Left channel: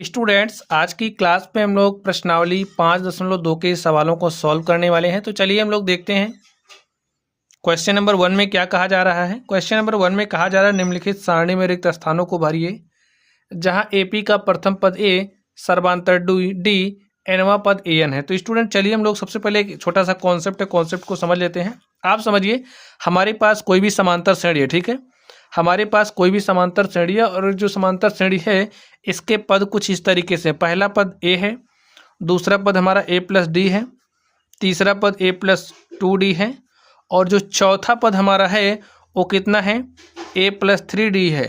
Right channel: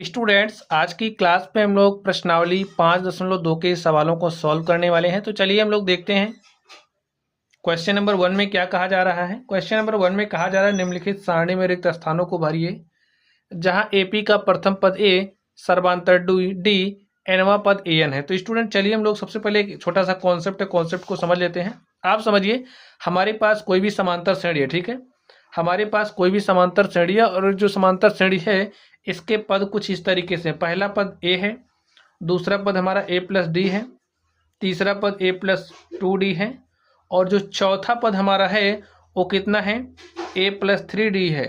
Students, आज की class में हम लोग प्रश्नावली 5.2 के सवालों को सॉल्व करने वाले हैं। तो चलिए हम लोग देखते हैं क्वेश्चन नंबर 1 में क्या कहा जा रहा है। क्वेश्चन नंबर 1 में कहा जा रहा है निम्नलिखित सारणी में रिक्त स्थानों को भरिए जहां एपी का प्रथम पद ए, सर्वांतर डी, एनवा पद एन है। तो स्टूडेंट चलिए हम लोग सबसे पहले एक छोटा सा कॉन्सेप्ट है, कॉन्सेप्ट को समझ लेते हैं। आप समझिए, हमारे पास कोई भी समांतर श्रेणी है, ठीक है। हमारे पास कोई भी समांतर श्रेणी है और जो समांतर श्रेणी है इसके पद कुछ इस तरीके से, पहला पद ए है, दूसरा पद हमारा ए प्लस डी है, तीसरा पद ए प्लस 2d है और जो चौथा पद हमारा है वो कितना है, ए प्लस 3d है।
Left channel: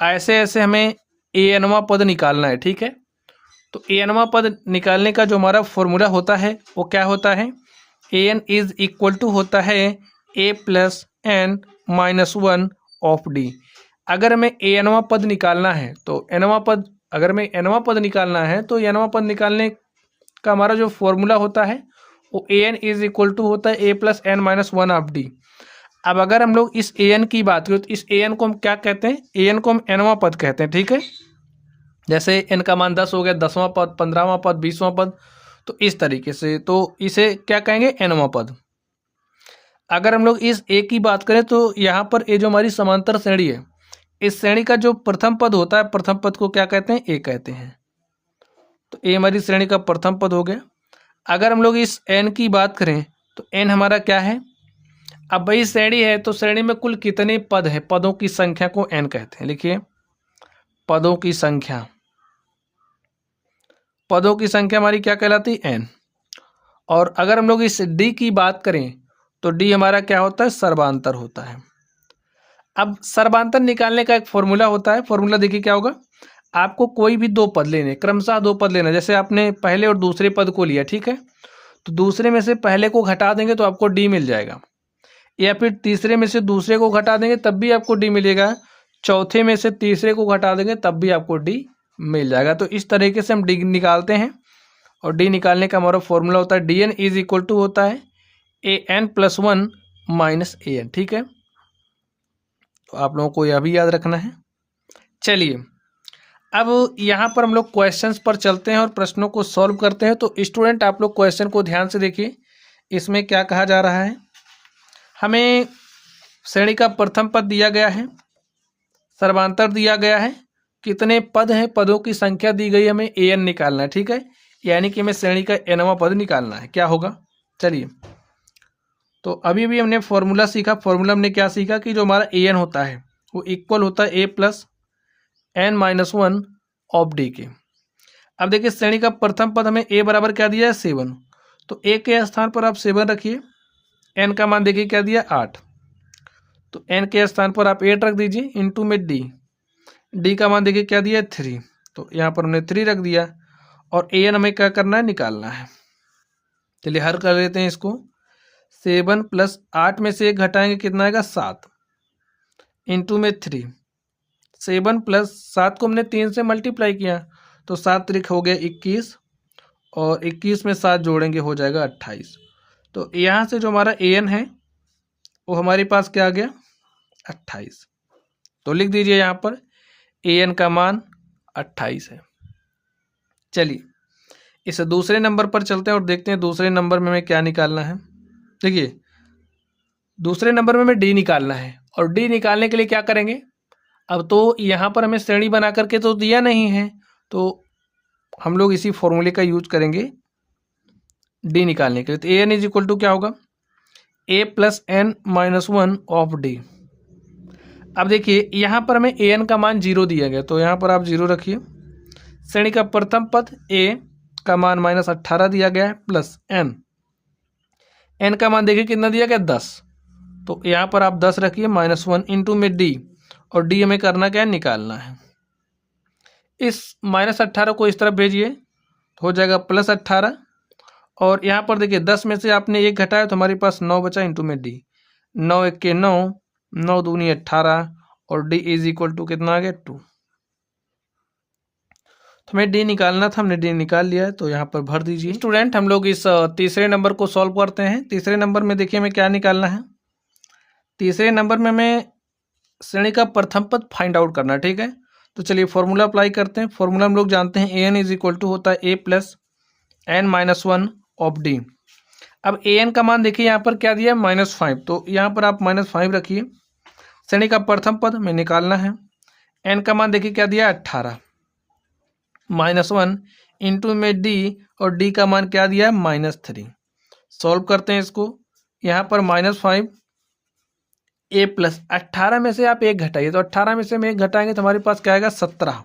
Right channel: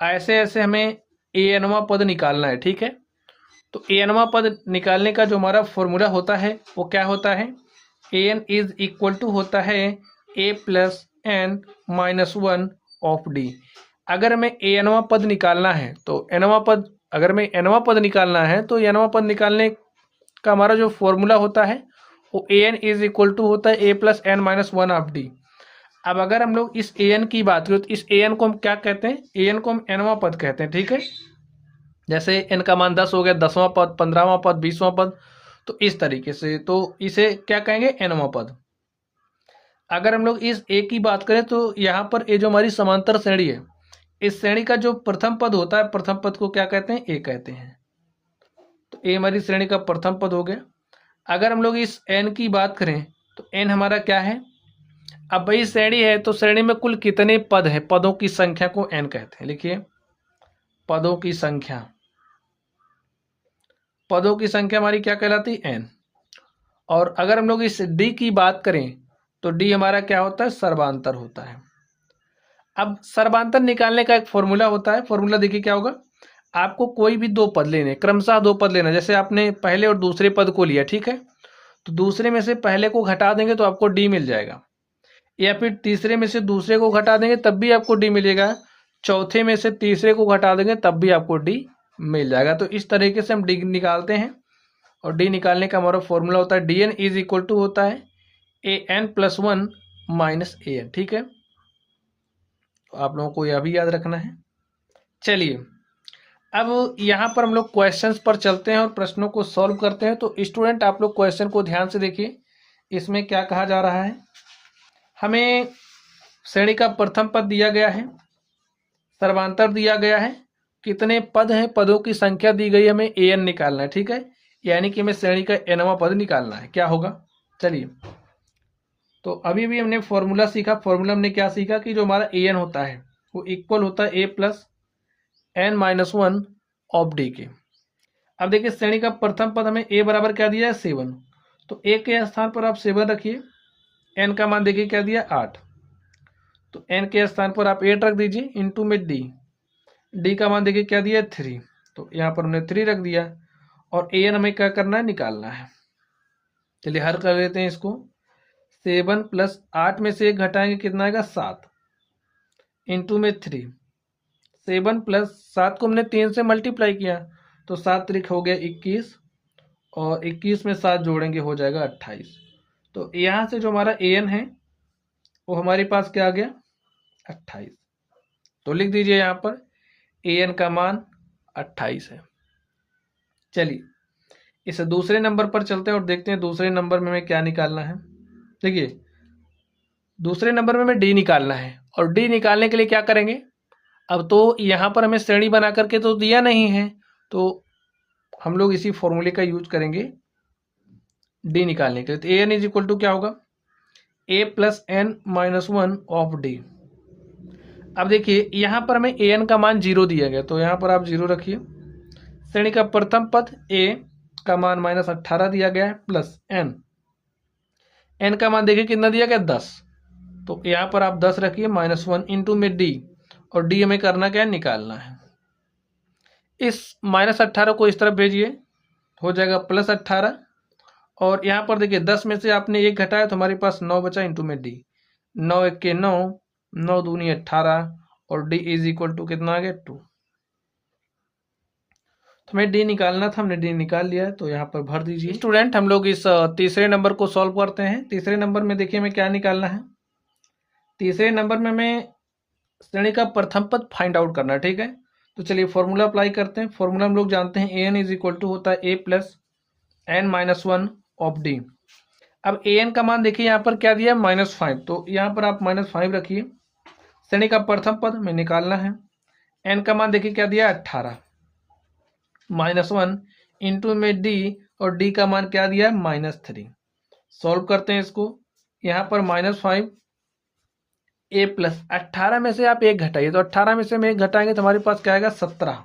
ऐसे ऐसे हमें ए एनवा पद निकालना है, ठीक है। तो ए एनवा पद निकालने का जो हमारा फॉर्मूला होता है वो क्या होता है, A N is equal to होता है A plus N minus 1 of D. अगर हमें ए एनवा पद निकालना है तो एनवा पद, अगर हमें एनवा पद निकालना है तो एनवा पद निकालने का हमारा जो फॉर्मूला होता है वो A N is equal to होता है A plus N minus 1 of D. अब अगर हम लोग इस ए एन की बात करें तो इस ए एन को हम क्या कहते हैं, ए एन को हम एनवा पद कहते हैं, ठीक है। जैसे एन का मान 10 हो गया, 10वां पद, 15वां पद, 20वां पद, तो इस तरीके से, तो इसे क्या कहेंगे, एनवा पद। अगर हम लोग इस ए की बात करें तो यहाँ पर ए जो हमारी समांतर श्रेणी है, इस श्रेणी का जो प्रथम पद होता है, प्रथम पद को क्या कहते हैं, ए कहते हैं। तो ए हमारी श्रेणी का प्रथम पद हो गया। अगर हम लोग इस एन की बात करें तो एन हमारा क्या है, अब भाई श्रेणी है तो श्रेणी में कुल कितने पद है, पदों की संख्या को एन कहते हैं। लिखिए, पदों की संख्या, पदों की संख्या हमारी क्या कहलाती है, एन। और अगर हम लोग इस डी की बात करें तो डी हमारा क्या होता है, सर्वांतर होता है। अब सर्वांतर निकालने का एक फॉर्मूला होता है। फॉर्मूला देखिए क्या होगा, आपको कोई भी दो पद लेने, क्रमशः दो पद लेना। जैसे आपने पहले और दूसरे पद को लिया, ठीक है, तो दूसरे में से पहले को घटा देंगे तो आपको डी मिल जाएगा, या फिर तीसरे में से दूसरे को घटा देंगे तब भी आपको डी मिलेगा, चौथे में से तीसरे को घटा देंगे तब भी आपको डी मिल जाएगा। तो इस तरीके से हम डी निकालते हैं और डी निकालने का हमारा फॉर्मूला होता है D N is equal to होता है A N plus 1 minus A N, ठीक है। तो आप लोगों को यह भी याद रखना है। चलिए अब यहाँ पर हम लोग क्वेश्चंस पर चलते हैं और प्रश्नों को सॉल्व करते हैं। तो स्टूडेंट आप लोग क्वेश्चन को ध्यान से देखिए, इसमें क्या कहा जा रहा है, हमें श्रेणी का प्रथम पद दिया गया है, सर्वांतर दिया गया है, कितने पद हैं, पदों की संख्या दी गई, हमें ए एन निकालना है, ठीक है। यानी कि हमें श्रेणी का एनवा पद निकालना है। क्या होगा, चलिए, तो अभी भी हमने फॉर्मूला सीखा। फॉर्मूला हमने क्या सीखा कि जो हमारा ए एन होता है वो इक्वल होता है A plus N minus 1 of D के। अब देखिए श्रेणी का प्रथम पद हमें ए बराबर क्या दिया है, 7। तो ए के स्थान पर आप 7 रखिए, एन का मान देखिए क्या दिया, 8। तो एन के स्थान पर आप 8 रख दीजिए, इंटू में डी, डी का मान देखिए क्या दिया, 3। तो यहाँ पर हमने 3 रख दिया और ए एन हमें क्या करना है, निकालना है। चलिए हल कर लेते हैं इसको। 7 प्लस 8 में से 1 घटाएंगे कितना आएगा, 7, इंटू में 3। 7 प्लस 7 को हमने 3 से मल्टीप्लाई किया तो 7 त्रिक हो गया 21 और 21 में 7 जोड़ेंगे हो जाएगा 28। तो यहाँ से जो हमारा ए एन है वो हमारे पास क्या आ गया, 28। तो लिख दीजिए यहाँ पर ए एन का मान 28 है। चलिए इस दूसरे नंबर पर चलते हैं और देखते हैं दूसरे नंबर में हमें क्या निकालना है। देखिए दूसरे नंबर में हमें डी निकालना है और डी निकालने के लिए क्या करेंगे, अब तो यहाँ पर हमें श्रेणी बना करके तो दिया नहीं है, तो हम लोग इसी फॉर्मूले का यूज करेंगे डी निकालने के लिए। तो A N is equal to क्या होगा, A plus N minus 1 of D. अब देखिए यहाँ पर हमें ए एन का मान 0 दिया गया, तो यहाँ पर आप 0 रखिए। श्रेणी का प्रथम पद ए का मान -18 दिया गया है, प्लस एन, एन का मान देखिए कितना दिया गया, 10। तो यहाँ पर आप 10 रखिए, -1 इंटू में डी, और डी हमें करना क्या है, निकालना है। इस -18 को इस तरफ भेजिए, हो जाएगा +18। और यहाँ पर देखिए 10 में से आपने 1 घटाया तो हमारे पास 9 बचा, इंटू में डी, 9 1 के 9, 9 दूनी 18 और डी इज इक्वल टू कितना आ गया, 2। तो हमें डी निकालना था, हमने डी निकाल लिया है, तो यहाँ पर भर दीजिए। स्टूडेंट हम लोग इस तीसरे नंबर को सॉल्व करते हैं। तीसरे नंबर में देखिए हमें क्या निकालना है, तीसरे नंबर में हमें श्रेणी का प्रथम पद फाइंड आउट करना है, ठीक है। तो चलिए फॉर्मूला अप्लाई करते हैं। फॉर्मूला हम लोग जानते हैं, A N is equal to होता है A plus N minus one of D. अब ए एन का मान देखिए यहाँ पर क्या दिया है -5, तो यहाँ पर आप -5 रखिए। श्रेणी का प्रथम पद में निकालना है। एन का मान देखिए क्या दिया 18, -1 इंटू में डी, और डी का मान क्या दिया है -3। सॉल्व करते हैं इसको। यहाँ पर -5 ए प्लस 18 में से आप एक घटाइए, तो 18 में से हम एक घटाएंगे तो हमारे पास क्या आएगा 17,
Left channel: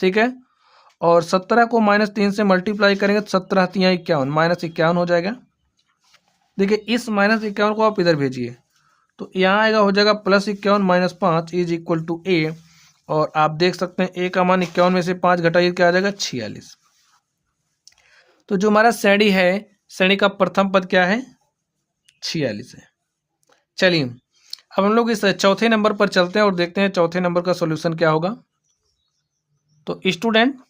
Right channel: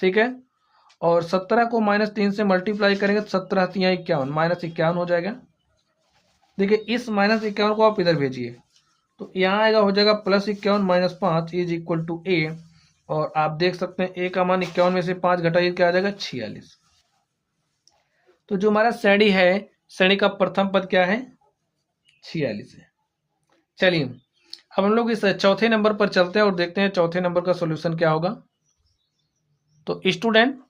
ठीक है। और 17 को -3 से मल्टीप्लाई करेंगे तो 17 3 51, -51 हो जाएगा। देखिए इस -51 को आप इधर भेजिए तो यहाँ आएगा, हो जाएगा +51 - 5 इज इक्वल टू ए। और आप देख सकते हैं ए का मान 51 में से 5 घटाइए क्या आ जाएगा 46। तो जो हमारा श्रेणी है, श्रेणी का प्रथम पद क्या है 46 है। चलिए अब हम लोग इस चौथे नंबर पर चलते हैं और देखते हैं चौथे नंबर का सॉल्यूशन क्या होगा। तो स्टूडेंट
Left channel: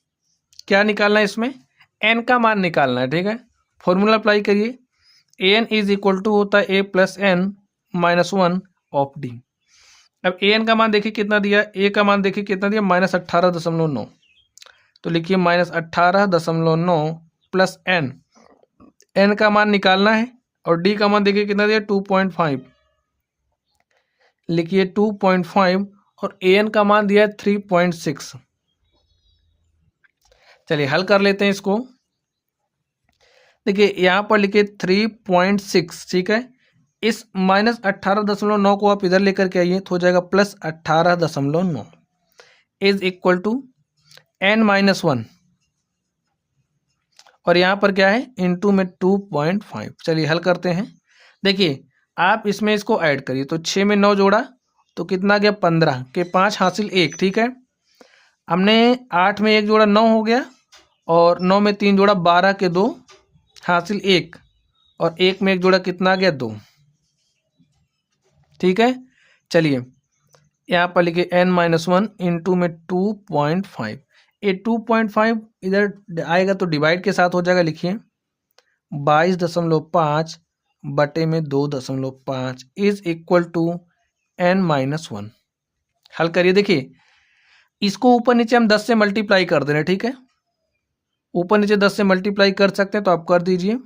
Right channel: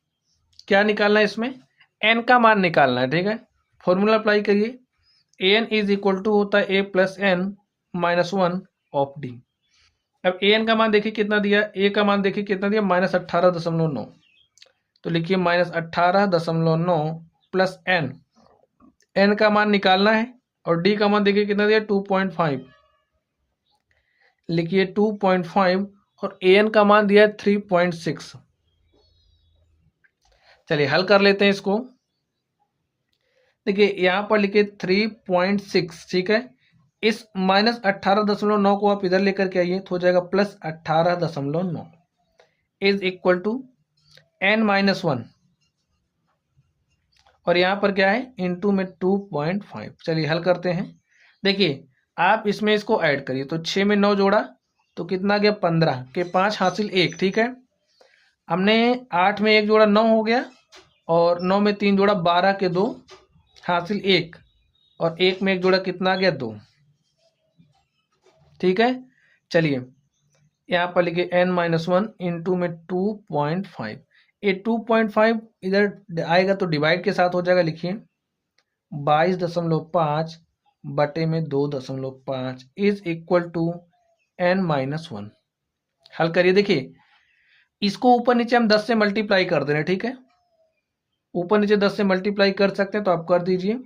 क्या निकालना है इसमें, एन का मान निकालना है, ठीक है। फॉर्मूला अप्लाई करिए। A N is equal to होता है A plus N minus one of D. अब ए एन का मान देखिए कितना दिया, ए का मान देखिए कितना दिया -18.9, तो लिखिए -18.9 प्लस एन, एन का मान निकालना है। और डी का मान देखिए कितना दिया 2.5, लिखिए 2.5, और ए एन का मान दिया 3.6। चलिए हल कर लेते हैं इसको। देखिए यहाँ पर लिखिए 3.6, ठीक है। इस -18.9 को आप इधर लेकर के आइए तो हो जाएगा +18.9 इज इक्वल टू n-1, और यहाँ पर क्या है इंटू में 2.5। चलिए हल करते हैं। देखिए आप इसमें इसको ऐड करिए, तो 6 में 9 जोड़ा तो कितना गया 15 के 5 हासिल 1, ठीक है। हमने 8 में 1 जोड़ा 9 हो गया, और 9 में 3 जोड़ा 12 के 2 हासिल 1, और 1 में 1 जोड़ा कितना आ गया 2, ठीक है। चलिए यहाँ पर लिखिए n-1 इंटू में 2.5। ये 2.5 इधर आएगा तो डिवाइड के साथ हो जाएगा, लिखिए 22.5 बटे में 2.5 इज इक्वल टू n-1। हल करिए। देखिए इसको ऊपर नीचे हम 10 से मल्टीप्लाई कर दे रहे हैं, ठीक है। ऊपर नीचे 10 से मल्टीप्लाई कर सकते हैं तो आप कर दीजिए,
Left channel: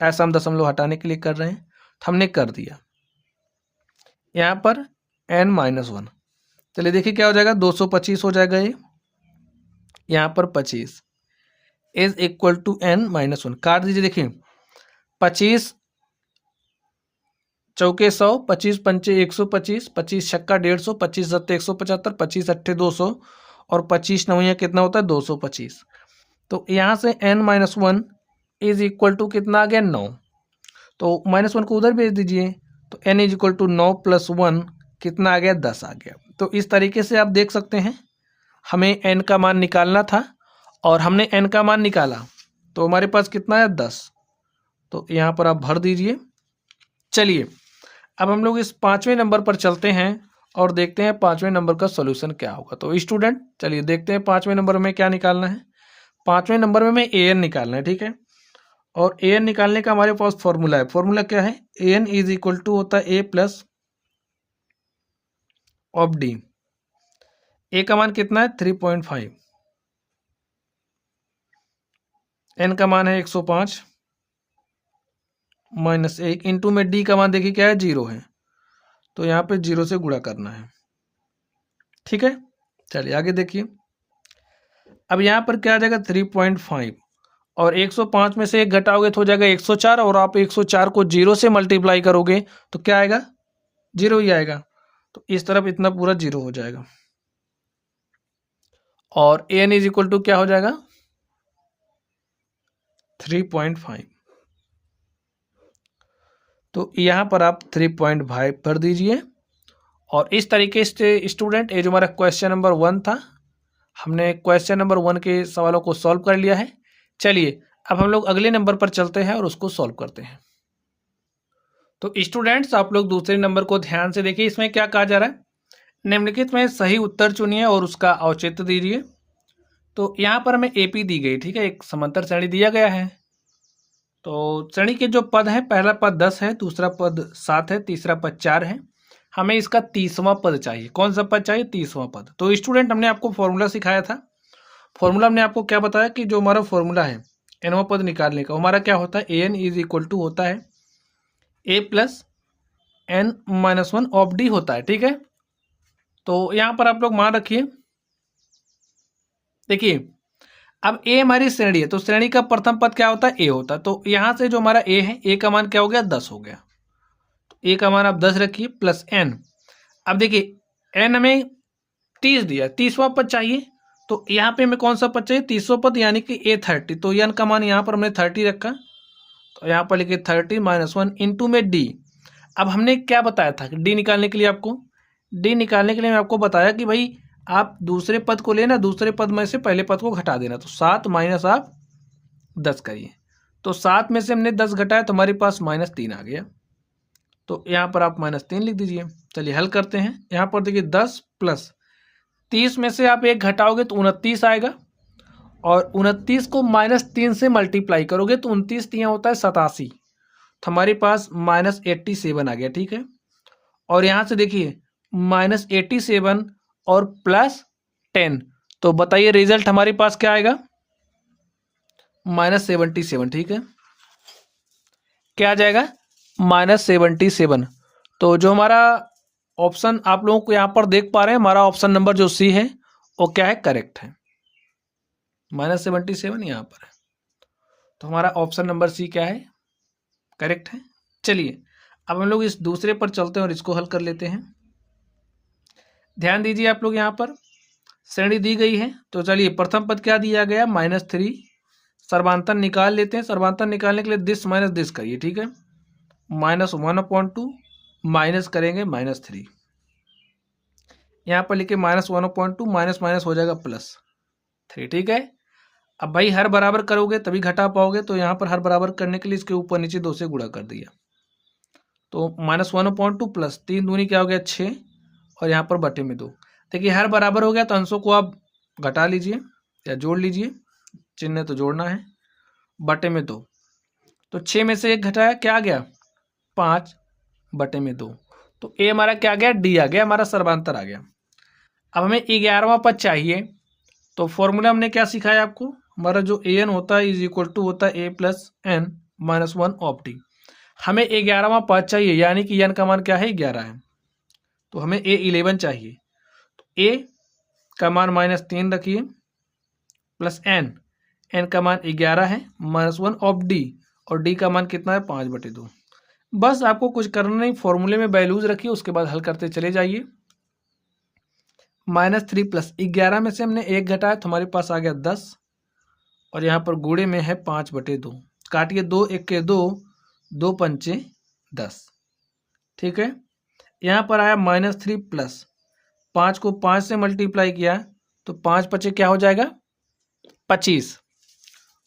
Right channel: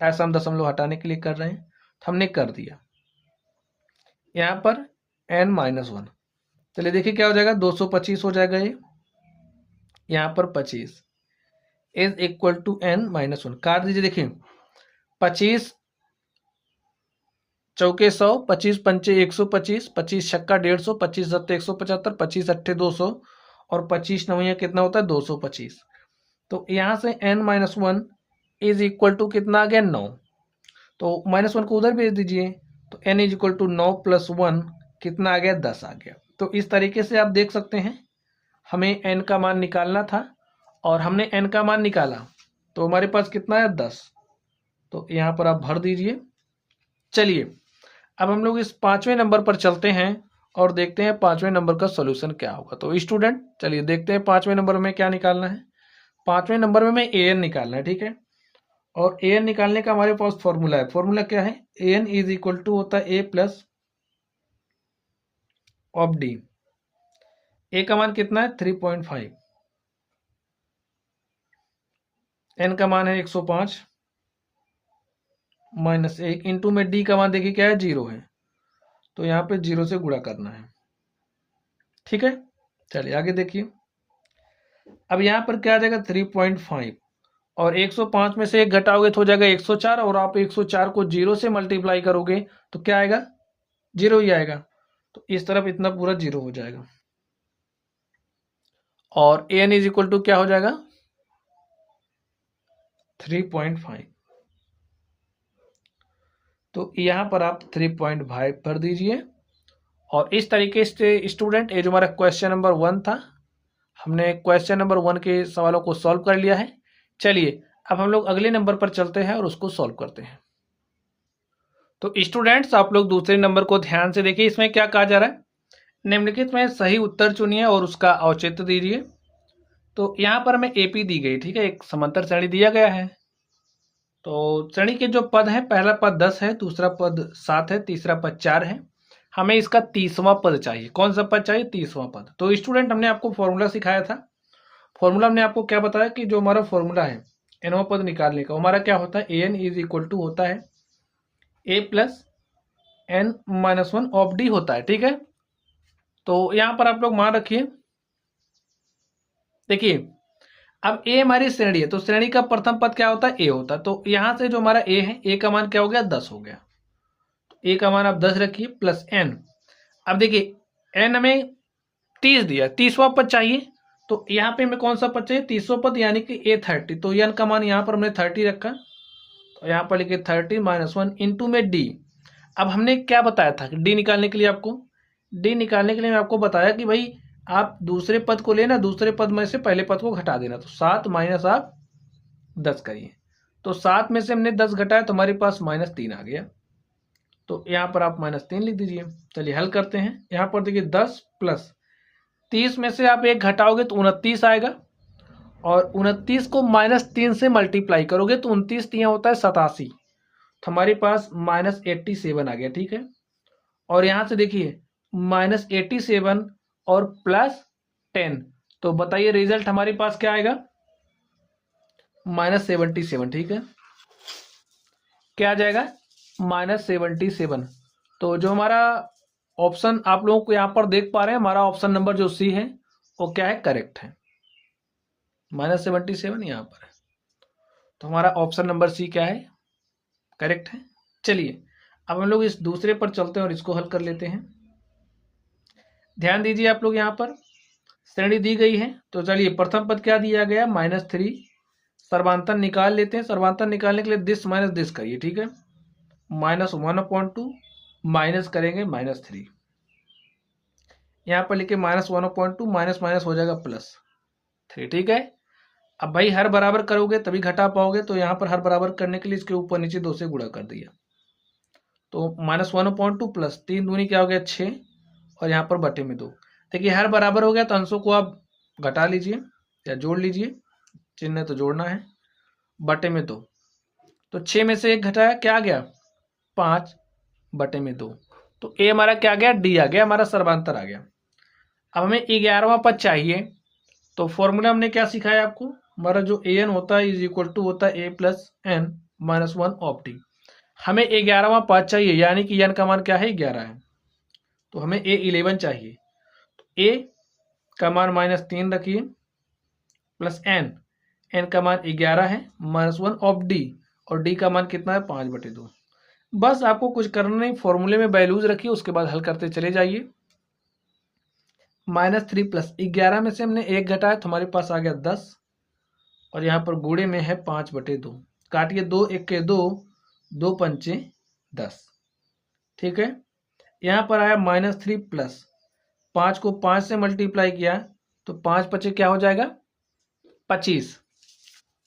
ऐसा हम दशमलव हटाने के लिए कर रहे हैं, तो हमने कर दिया। यहाँ पर n-1, चलिए देखिए क्या हो जाएगा 225 हो जाएगा ये, यहाँ पर 25 इज इक्वल टू n-1। काट दीजिए। देखिए 25 चौके 100, 25 पंचे 125, 25 छक्का 150, 25 सत्ते 175, 25 अट्ठे 200, और 25 नवैया कितना होता है 225। तो यहाँ से n-1 इज इक्वल टू कितना आ गया 9, तो -1 को उधर भेज दीजिए, तो n इज इक्वल टू 9 + 1 कितना आ गया 10 आ गया। तो इस तरीके से आप देख सकते हैं, हमें n का मान निकालना था और हमने n का मान निकाला, तो हमारे पास कितना है 10, तो यहाँ पर आप भर दीजिए। चलिए अब हम लोग इस 5वें नंबर पर चलते हैं और देखते हैं 5वें नंबर का सॉल्यूशन क्या होगा। तो स्टूडेंट चलिए देखते हैं 5वें नंबर में क्या निकालना है। 5वें नंबर में हमें an निकालना है, ठीक है। और an निकालने का हमारे पास फॉर्मूला है। फॉर्मूला क्या है, an इज इक्वल टू होता है a प्लस ऑफ डी। ए का मान कितना है 3.5, एन का मान है 105 -1 इंटू में डी का मान देखिए क्या है 0 है, तो यहाँ पे 0 से गुणा करना है, ठीक है। चलिए आगे देखिए। अब यहाँ पर क्या आ जाएगा 3.5, और 105 में से एक घटाओगे तो हो जाएगा 104, और आप 104 को 0 से मल्टीप्लाई करोगे तो क्या आएगा 0 ही आएगा, तो इस तरफ इतना पूरा 0 हो जाएगा। और an इज इक्वल टू क्या हो जाएगा 3.5, तो यहाँ पर आप 3.5 भर दीजिए। और इस तरीके से स्टूडेंट ये जो हमारा क्वेश्चन नंबर 1 था, हमने क्वेश्चन नंबर 1 के सवालों को सॉल्व कर लिया है। चलिए अब हम लोग अगले नंबर पर चलते हैं और उसको सॉल्व करते हैं। तो स्टूडेंट्स आप लोग दूसरे नंबर को ध्यान से देखिए, इसमें क्या कहा जा रहा है, निम्नलिखित में सही उत्तर चुनिए और उसका औचित्य दीजिए। तो यहाँ पर हमें एपी दी गई, ठीक है, एक समांतर श्रेणी दिया गया है। तो श्रेणी के जो पद हैं, पहला पद 10 है, दूसरा पद 7 है, तीसरा पद 4 है। हमें इसका 30वां पद चाहिए। कौन सा पद चाहिए? 30वां पद। तो स्टूडेंट हमने आपको फॉर्मूला सिखाया था। फॉर्मूला हमने आपको क्या बताया कि जो हमारा फॉर्मूला है nवां पद निकालने का, हमारा क्या होता है? an इज इक्वल टू होता है a plus n minus 1 of D होता है। ठीक है, तो यहां पर आप लोग मान रखिए, देखिए अब a हमारी श्रेणी है, तो श्रेणी का प्रथम पद क्या होता है? a होता है। तो यहां से जो हमारा a है, a का मान क्या हो गया? 10 हो गया। तो a का मान आप 10 रखिए प्लस n। अब देखिए n हमें 30 दिया, 30वां पद चाहिए, तो यहाँ पे हमें कौन सा पद चाहिए? 30वां पद, यानी कि a30। तो n का मान यहाँ पर हमने 30 रखा, तो यहाँ पर लिखे 30 माइनस 1 इंटू में d। अब हमने क्या बताया था d निकालने के लिए? आपको d निकालने के लिए मैं आपको बताया कि भाई आप दूसरे पद को लेना, दूसरे पद में से पहले पद को घटा देना। तो 7 माइनस आप 10 करिए, तो 7 में से हमने 10 घटाया तो हमारे पास -3 आ गया। तो यहाँ पर आप -3 लिख दीजिए। चलिए हल करते हैं। यहाँ पर देखिए 10 प्लस 30 में से आप 1 घटाओगे तो 29 आएगा, और 29 को -3 से मल्टीप्लाई करोगे तो 29 तिया होता है 87, तो हमारे पास -87 आ गया। ठीक है, और यहाँ से देखिए -87 और +10, तो बताइए रिजल्ट हमारे पास क्या आएगा? -77। ठीक है, क्या आ जाएगा? -77। तो जो हमारा ऑप्शन आप लोगों को यहाँ पर देख पा रहे हैं, हमारा ऑप्शन नंबर जो सी है वो क्या है? करेक्ट है। -77 यहाँ पर है, तो हमारा ऑप्शन नंबर सी क्या है? करेक्ट है। चलिए अब हम लोग इस दूसरे पर चलते हैं और इसको हल कर लेते हैं। ध्यान दीजिए आप लोग, यहाँ पर श्रेणी दी गई है, तो चलिए प्रथम पद क्या दिया गया? -3। सर्वांतर निकाल लेते हैं। सर्वांतर निकालने के लिए दिस माइनस दिस करिए। ठीक है, -1/2 माइनस करेंगे -3, यहाँ पर लिखे -1/2, माइनस माइनस हो जाएगा +3। ठीक है, अब भाई हर बराबर करोगे तभी घटा पाओगे, तो यहाँ पर हर बराबर करने के लिए इसके ऊपर नीचे 2 से गुणा कर दिया, तो -1/2 प्लस 3 दूनी क्या हो गया? 6, और यहाँ पर बटे में 2। देखिए हर बराबर हो गया तो अंशों को आप घटा लीजिए या जोड़ लीजिए, चिन्ह तो जोड़ना है, बटे में 2, तो 6 में से 1 घटाया, क्या आ गया? 5 बटे में 2, तो ए हमारा क्या आ गया? डी आ गया, हमारा सर्वांतर आ गया। अब हमें 11वां पद चाहिए, तो फॉर्मूला हमने क्या सिखाया आपको? हमारा जो ए एन होता है इज इक्वल टू होता है a plus n minus 1 of D. हमें 11वां पद चाहिए, यानी कि n का मान क्या है? 11 है, तो हमें a11 चाहिए। तो a का मान -3 रखिए प्लस n का मान 11 है माइनस 1 ऑफ डी, और डी का मान कितना है? 5/2। बस आपको कुछ करना नहीं, फॉर्मूले में वैल्यूज रखिए, उसके बाद हल करते चले जाइए। -3 प्लस 11 में से हमने 1 घटाया तो हमारे पास आ गया 10, और यहाँ पर गुणे में है 5/2। काटिए 2 1 के 2, 2 पंचे 10। ठीक है, यहाँ पर आया -3 प्लस 5 को 5 से मल्टीप्लाई किया तो 5 पचे क्या हो जाएगा? 25,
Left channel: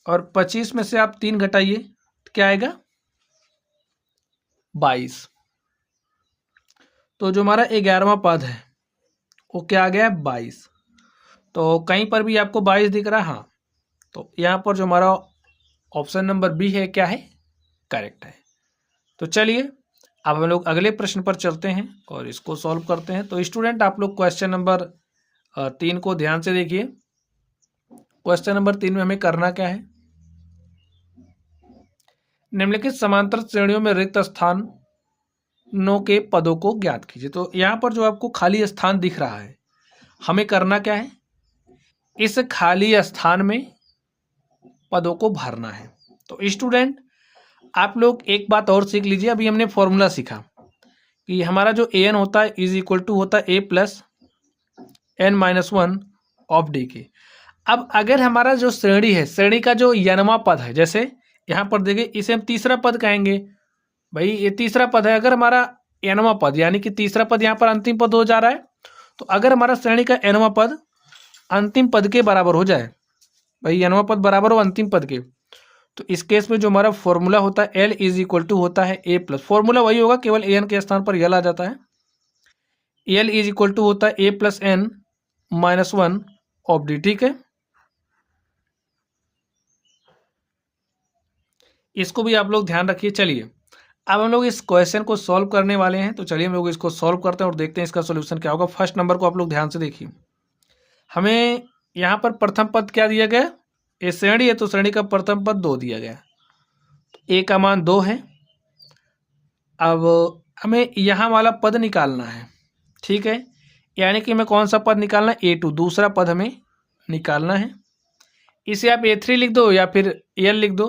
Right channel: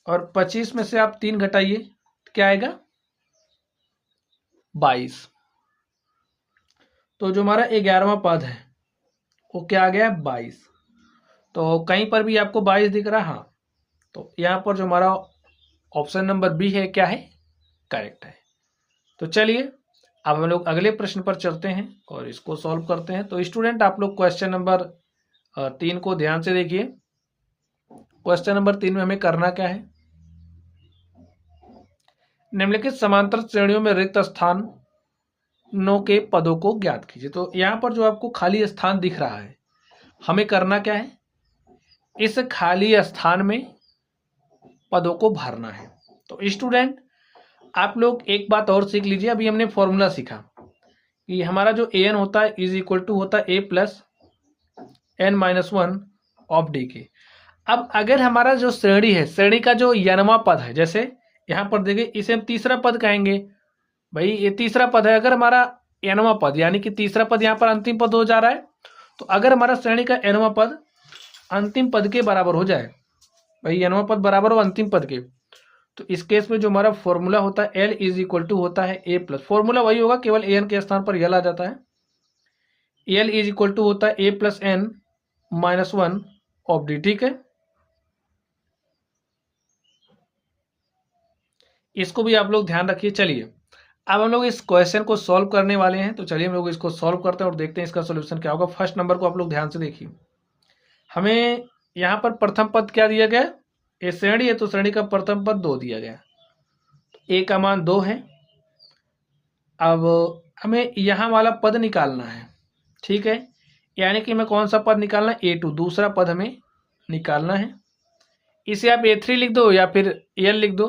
और 25 में से आप 3 घटाइए तो क्या आएगा? 22। तो जो हमारा 11वां पद है वो क्या आ गया? 22। तो कहीं पर भी आपको 22 दिख रहा है? हाँ, तो यहाँ पर जो हमारा ऑप्शन नंबर बी है क्या है? करेक्ट है। तो चलिए अब हम लोग अगले प्रश्न पर चलते हैं और इसको सॉल्व करते हैं। तो स्टूडेंट आप लोग क्वेश्चन नंबर 3 को ध्यान से देखिए। क्वेश्चन नंबर 3 में हमें करना क्या है? निम्नलिखित समांतर श्रेणियों में रिक्त स्थानों के पदों को ज्ञात कीजिए। तो यहाँ पर जो आपको खाली स्थान दिख रहा है, हमें करना क्या है? इस खाली स्थान में पदों को भरना है। तो स्टूडेंट आप लोग एक बात और सीख लीजिए। अभी हमने फॉर्मूला सीखा कि हमारा जो ए एन होता है इज इक्वल टू होता है A plus n minus 1 of D के। अब अगर हमारा जो श्रेणी है, श्रेणी का जो यनवा पद है, जैसे यहाँ पर देखिए इसे हम तीसरा पद कहेंगे। भाई ये तीसरा पद है, अगर हमारा एनवा पद यानी कि तीसरा पद यहाँ पर अंतिम पद हो जा रहा है, तो अगर हमारा श्रेणी का एनवा पद अंतिम पद के बराबर हो जाए, भाई एनवा पद बराबर हो अंतिम पद के, तो इस केस में जो हमारा फॉर्मूला होता है एल इज इक्वल टू होता है ए प्लस, फॉर्मूला वही होगा, केवल ए एन के स्थान पर यल आ जाता है। एल इज इक्वल टू होता है A plus N minus 1 of D. ठीक है, इसको भी आप लोग ध्यान रखिए। चलिए अब हम लोग इस क्वेश्चन को सॉल्व करने वाले हैं, तो चलिए हम लोग इसको सॉल्व करते हैं और देखते हैं इसका सोल्यूशन क्या होगा। फर्स्ट नंबर को आप लोग ध्यान से देखिए। हमें यहाँ पर प्रथम पद क्या दिया गया, ये श्रेणी है तो श्रेणी का प्रथम पद 2 दिया गया, ए का मान 2 है। अब हमें यहाँ वाला पद निकालना है, ठीक है, यानी कि हमें कौन सा पद निकालना है, A2 दूसरा पद हमें निकालना है। इसे आप A3 लिख दो या फिर L लिख दो,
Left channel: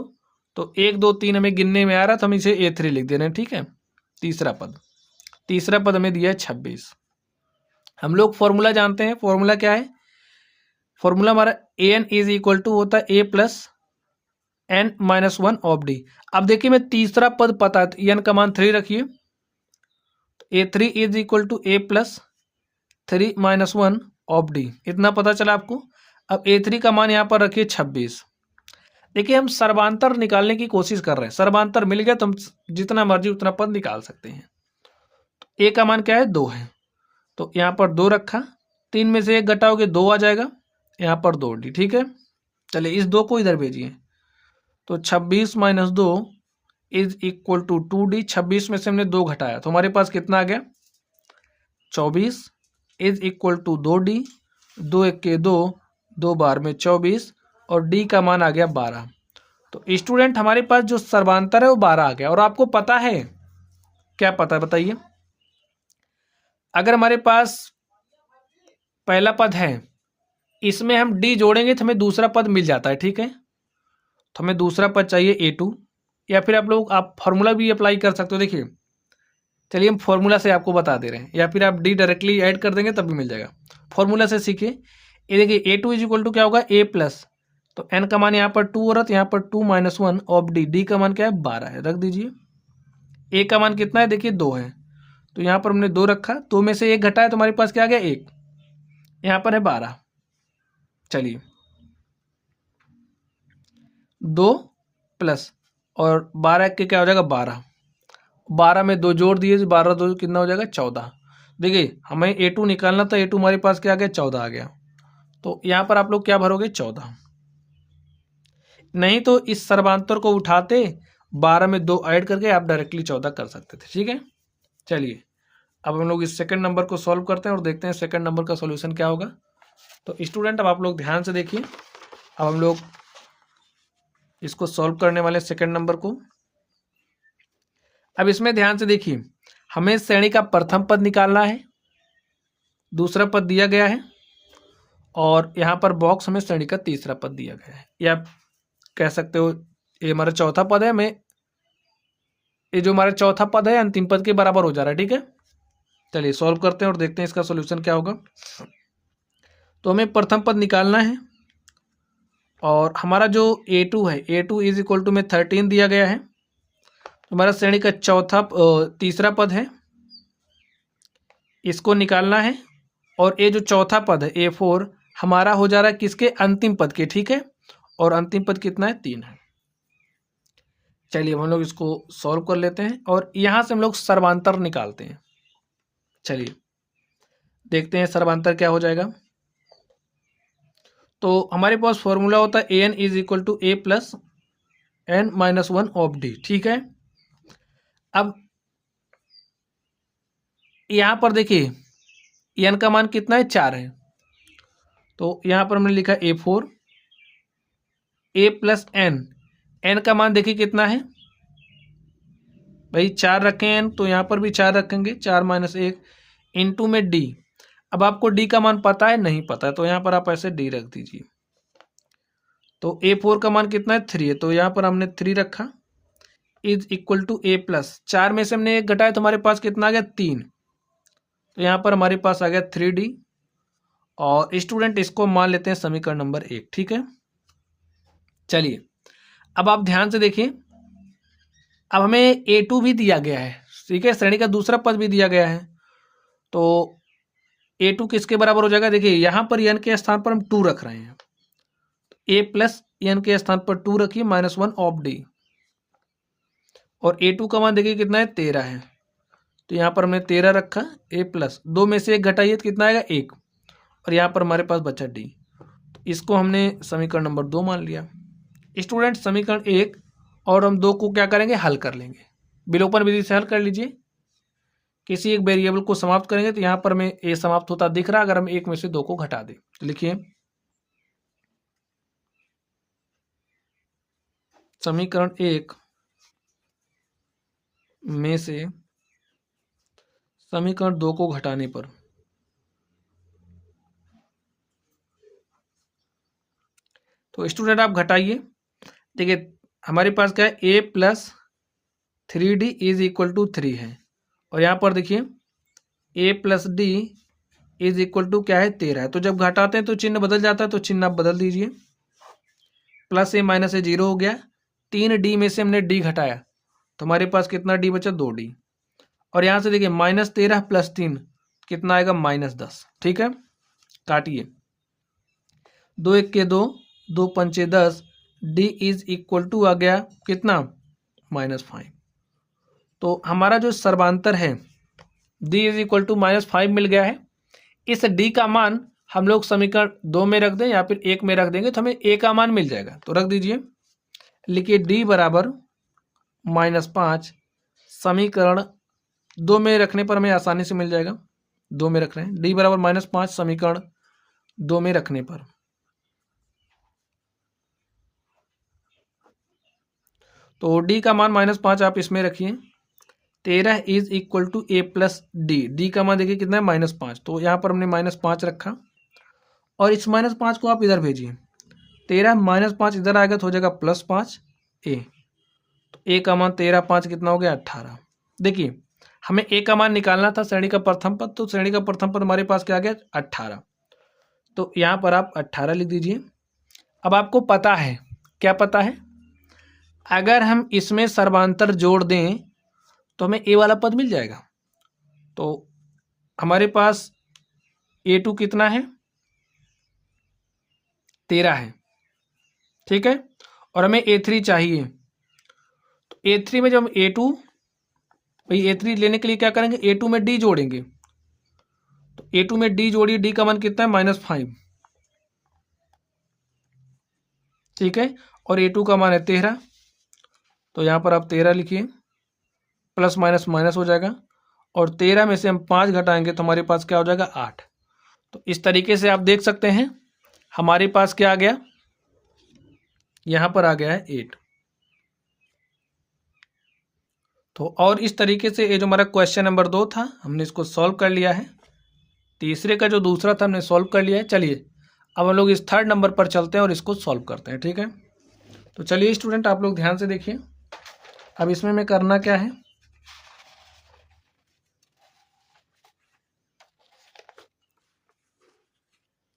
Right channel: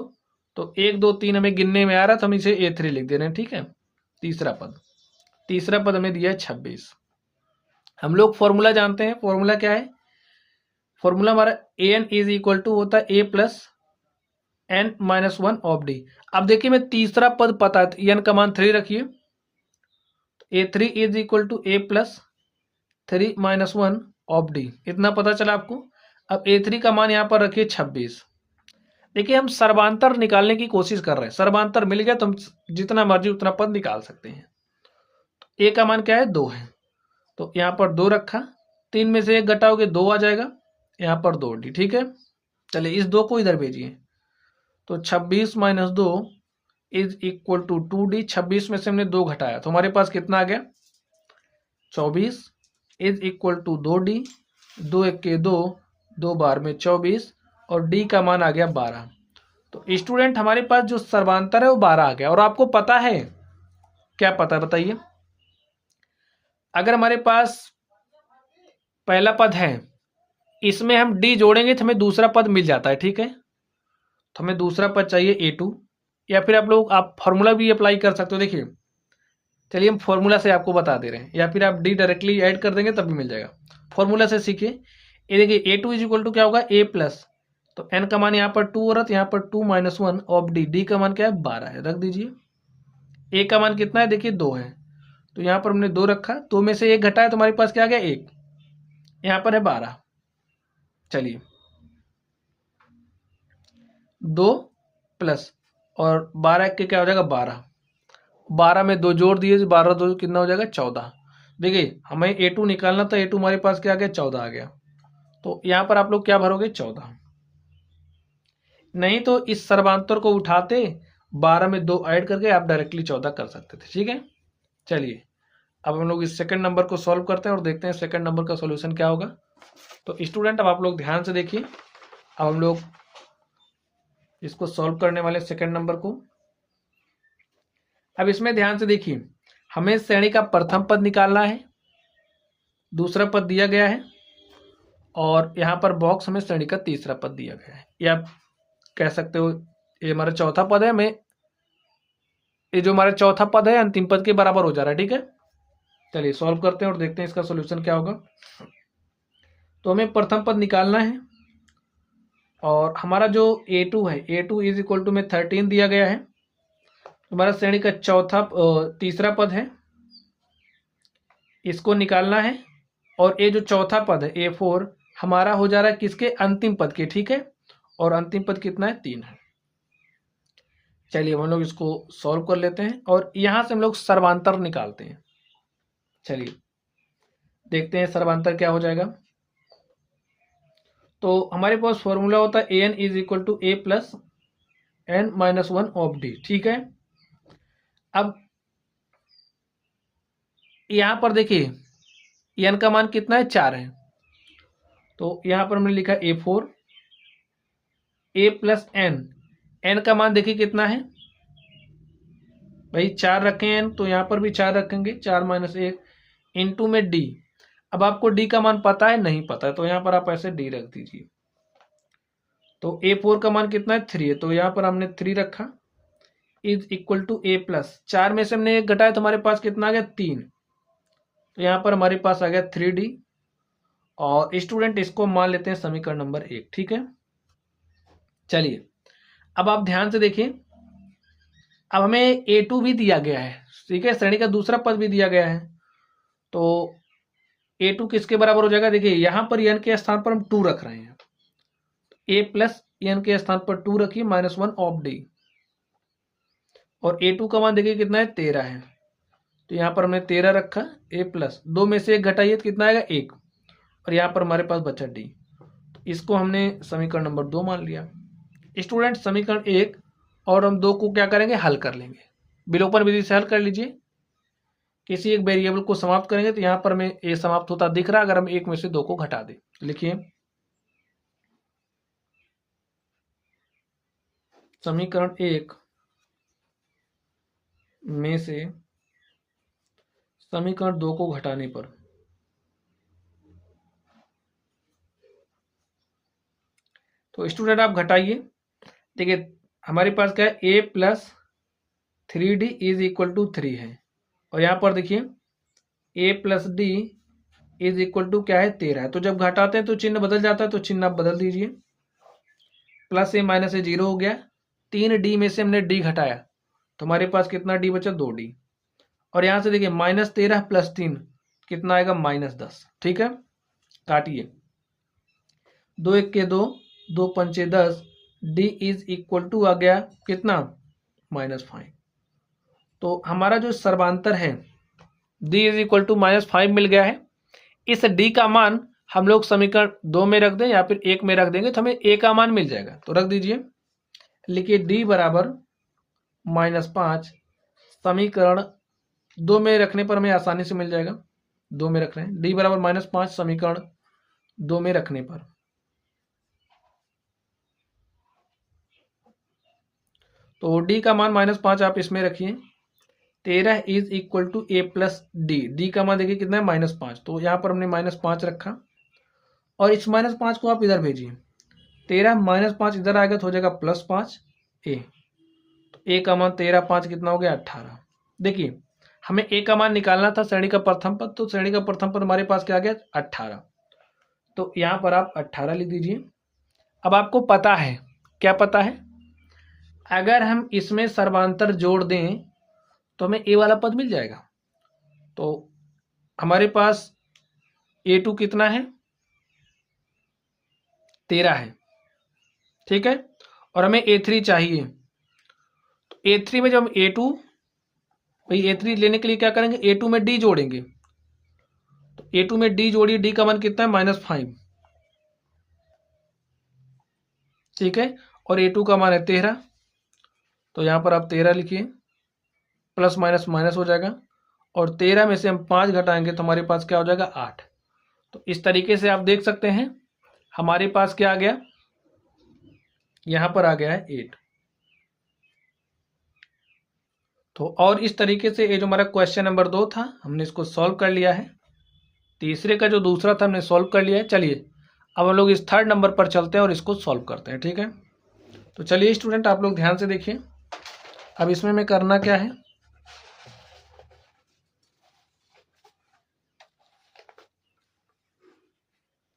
तो 1 2 3 हमें गिनने में आ रहा तो हम इसे A3 लिख दे रहे हैं, ठीक है। तीसरा पद हमें दिया है 26। हम लोग फॉर्मूला जानते हैं, फॉर्मूला क्या है, फॉर्मूला हमारा AN इज इक्वल टू होता है A plus N minus 1 of D। अब देखिए मैं तीसरा पद पता है तो N का मान 3 रखिए, A3 is equal to A plus 3 minus 1 of D, इतना पता चला आपको। अब A3 का मान यहाँ पर रखिए 26। देखिए हम सर्वांतर निकालने की कोशिश कर रहे हैं, सर्वांतर मिल गया तो हम जितना मर्जी उतना पद निकाल सकते हैं। तो A का मान क्या है, 2 है, तो यहाँ पर 2 रखा, 3 में से 1 घटाओगे 2 आ जाएगा, यहाँ पर 2D, ठीक है। चलिए इस 2 को इधर भेजिए, तो 26 minus 2 is equal to 2D। 26 में से हमने 2 घटाया तो हमारे पास कितना आ गया, 24 इज इक्वल टू 2D, 2 1 के 2, 2 बार में 24 और D का मान आ गया 12। तो स्टूडेंट हमारे पास जो सर्वांतर है वो 12 आ गया। और आपको पता है क्या, पता है बताइए, अगर हमारे पास पहला पद है इसमें हम D जोड़ेंगे तो हमें दूसरा पद मिल जाता है, ठीक है। तो हमें दूसरा पद चाहिए A2, या फिर आप फॉर्मूला भी अप्लाई कर सकते हो। देखिए चलिए हम फॉर्मूला से आपको बता दे रहे हैं, या फिर आप D डायरेक्टली ऐड कर देंगे तब भी मिल जाएगा। फॉर्मूला से सीखिए। ये देखिए A2 इज इक्वल टू क्या होगा, A प्लस, तो N का मान यहाँ पर 2 हो रहा है तो यहाँ पर 2 माइनस 1 ऑफ D। D का मान क्या है, 12 है, रख दीजिए। A का मान कितना है, देखिए 2 है, तो यहाँ पर हमने 2 रखा, 2 में से 1 घटाया तो हमारे पास क्या आ गया, 1, यहाँ पर है 12। चलिए 2 प्लस और 12 के क्या हो जाएगा, 12, 12 में 2 जोड़ दिए, 12 2 कितना हो जाएगा, 14। देखिए हमें A2 निकालना था, A2 हमारे पास क्या आ गया, 14 आ गया। तो यहाँ पर आप लोग क्या भरोगे, 14। नहीं तो इस सर्वांतर को उठाते 12 में 2 ऐड करके आप डायरेक्टली 14 कर सकते थे, ठीक है। चलिए अब हम लोग इस सेकंड नंबर को सॉल्व करते हैं और देखते हैं सेकंड नंबर का सॉल्यूशन क्या होगा। तो स्टूडेंट अब आप लोग ध्यान से देखिए, अब हम लोग इसको सॉल्व करने वाले सेकंड नंबर को। अब इसमें ध्यान से देखिए, हमें श्रेणी का प्रथम पद निकालना है, दूसरा पद दिया गया है, और यहाँ पर बॉक्स हमें श्रेणी का तीसरा पद दिया गया है, या कह सकते हो ये हमारा चौथा पद है। हमें ये जो हमारा चौथा पद है अंतिम पद के बराबर हो जा रहा है, ठीक है। चलिए सॉल्व करते हैं और देखते हैं इसका सोल्यूशन क्या होगा। तो हमें प्रथम पद निकालना है, और हमारा जो A2 है, A2 इज इक्वल टू में 13 दिया गया है, हमारा श्रेणी का तीसरा पद है, इसको निकालना है। और ये जो चौथा पद है A4 हमारा हो जा रहा है किसके, अंतिम पद के, ठीक है। और अंतिम पद कितना है, 3 है। चलिए हम लोग इसको सॉल्व कर लेते हैं और यहाँ से हम लोग सर्वांतर निकालते हैं। चलिए देखते हैं सर्वांतर क्या हो जाएगा। तो हमारे पास फॉर्मूला होता है AN is equal to A plus N minus 1 of D, ठीक है। अब यहाँ पर देखिए N का मान कितना है, 4 है, तो यहाँ पर हमने लिखा A4 A प्लस N का मान देखिए कितना है भाई, 4 रखें N, तो यहाँ पर भी 4 रखेंगे, 4 माइनस 1 इंटू में D। अब आपको D का मान पता है, नहीं पता है, तो यहाँ पर आप ऐसे D रख दीजिए। तो A4 का मान कितना है, 3 है, तो यहाँ पर हमने 3 रखा, is equal to A plus, 4 में से हमने 1 घटाया तो हमारे पास कितना आ गया, 3, तो यहाँ पर हमारे पास आ गया 3D। और स्टूडेंट इसको मान लेते हैं समीकरण नंबर 1, ठीक है। चलिए अब आप ध्यान से देखिए, अब हमें A2 भी दिया गया है, ठीक है, श्रेणी का दूसरा पद भी दिया गया है। तो A2 किसके बराबर हो जाएगा, देखिए यहाँ पर N के स्थान पर हम 2 रख रहे हैं, A प्लस N के स्थान पर 2 रखिए माइनस 1 ऑफ D। और A2 का मान देखिए कितना है, 13 है, तो यहाँ पर हमने 13 रखा, A प्लस 2 में से 1 घटाइए तो कितना आएगा, 1, और यहाँ पर हमारे पास बचा D। इसको हमने समीकरण नंबर 2 मान लिया। स्टूडेंट समीकरण 1 और हम 2 को क्या करेंगे, हल कर लेंगे। विलोपन विधि से हल कर लीजिए। किसी एक वेरिएबल को समाप्त करेंगे तो यहाँ पर हमें ए समाप्त होता दिख रहा है, अगर हम एक में से दो को घटा दें। लिखिए समीकरण 1 में से समीकरण 2 को घटाने पर तो स्टूडेंट आप घटाइए। देखिए हमारे पास क्या है, A plus 3d is equal to 3 है, और यहाँ पर देखिए A plus D is equal to क्या है, 13 है। तो जब घटाते हैं तो चिन्ह बदल जाता है, तो चिन्ह आप बदल दीजिए। प्लस ए माइनस ए 0 हो गया। 3d में से हमने डी घटाया तो हमारे पास कितना डी बचा, 2d। और यहाँ से देखिए -13 प्लस 3 कितना आएगा, -10। ठीक है, काटिए। 2 1 के 2, 2 पंचे 10, डी इज इक्वल टू आ गया कितना, -5। तो हमारा जो सर्वांतर है डी इज इक्वल टू -5 मिल गया है। इस डी का मान हम लोग समीकरण 2 में रख दें या फिर 1 में रख देंगे तो हमें ए का मान मिल जाएगा। तो रख दीजिए, लिखिए डी बराबर -5 समीकरण 2 में रखने पर हमें आसानी से मिल जाएगा। 2 में रख रहे हैं, डी बराबर -5 समीकरण 2 में रखने पर। तो डी का मान -5 आप इसमें रखिए। 13 is equal to A plus D, D का मान देखिए कितना है, -5। तो यहाँ पर हमने -5 रखा और इस -5 को आप इधर भेजिए। 13 -5 इधर आएगा तो हो जाएगा +5 ए। तो ए का मान 13 5 कितना हो गया, 18। देखिए हमें ए का मान निकालना था श्रेणी का प्रथम पद, तो श्रेणी का प्रथम पद हमारे पास क्या आ गया, 18। तो यहाँ पर आप 18 लिख दीजिए। अब आपको पता है, क्या पता है, अगर हम इसमें सर्वांतर जोड़ दें तो हमें ए वाला पद मिल जाएगा। तो हमारे पास a2 कितना है, 13 है। ठीक है, और हमें a3 चाहिए। तो a3 में जब हम a3 लेने के लिए क्या करेंगे, a2 में d जोड़ेंगे। तो a2 में d जोड़िए, d का मान कितना है, -5। ठीक है, और a2 का मान है 13। तो यहाँ पर आप 13 लिखिए, प्लस माइनस माइनस हो जाएगा, और 13 में से हम 5 घटाएंगे तो हमारे पास क्या हो जाएगा, 8। तो इस तरीके से आप देख सकते हैं हमारे पास क्या आ गया, यहाँ पर आ गया है 8। तो और इस तरीके से ये जो हमारा क्वेश्चन नंबर 2 था हमने इसको सॉल्व कर लिया है। तीसरे का जो दूसरा था हमने सॉल्व कर लिया है। चलिए अब हम लोग इस थर्ड नंबर पर चलते हैं और इसको सॉल्व करते हैं। ठीक है, तो चलिए स्टूडेंट आप लोग ध्यान से देखिए। अब इसमें हमें करना क्या है,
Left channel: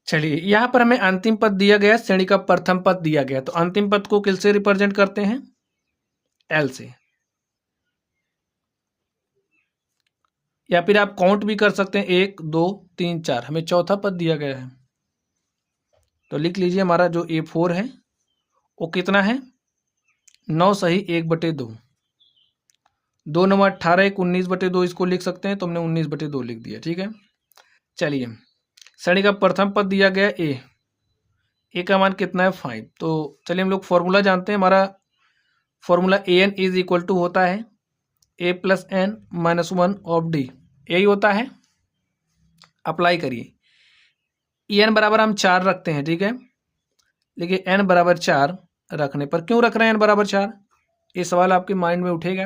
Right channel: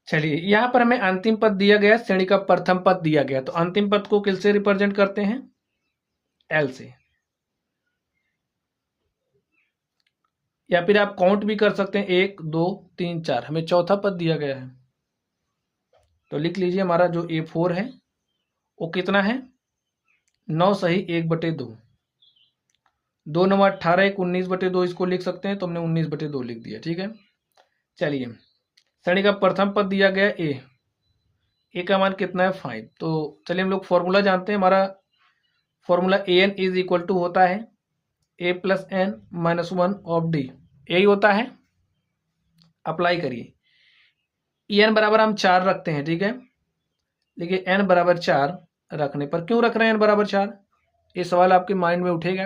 चलिए यहाँ पर हमें अंतिम पद दिया गया, श्रेणी का प्रथम पद दिया गया। तो अंतिम पद को किस से रिप्रेजेंट करते हैं, एल से, या फिर आप काउंट भी कर सकते हैं, 1 2 3 4। हमें चौथा पद दिया गया है तो लिख लीजिए हमारा जो A4 है वो कितना है, 9 सही 1/2। 2 9 18 1 19/2 इसको लिख सकते हैं, तो हमने 19/2 लिख दिया। ठीक है, चलिए श्रेणी का प्रथम पद दिया गया ए का मान कितना है, 5। तो चलिए हम लोग फॉर्मूला जानते हैं। हमारा formula an is equal to होता है a plus n minus 1 of d, यही होता है। अप्लाई करिए। n बराबर हम 4 रखते हैं। ठीक है, देखिए n बराबर 4 रखने पर, क्यों रख रहे हैं n बराबर 4, ये सवाल आपके माइंड में उठेगा।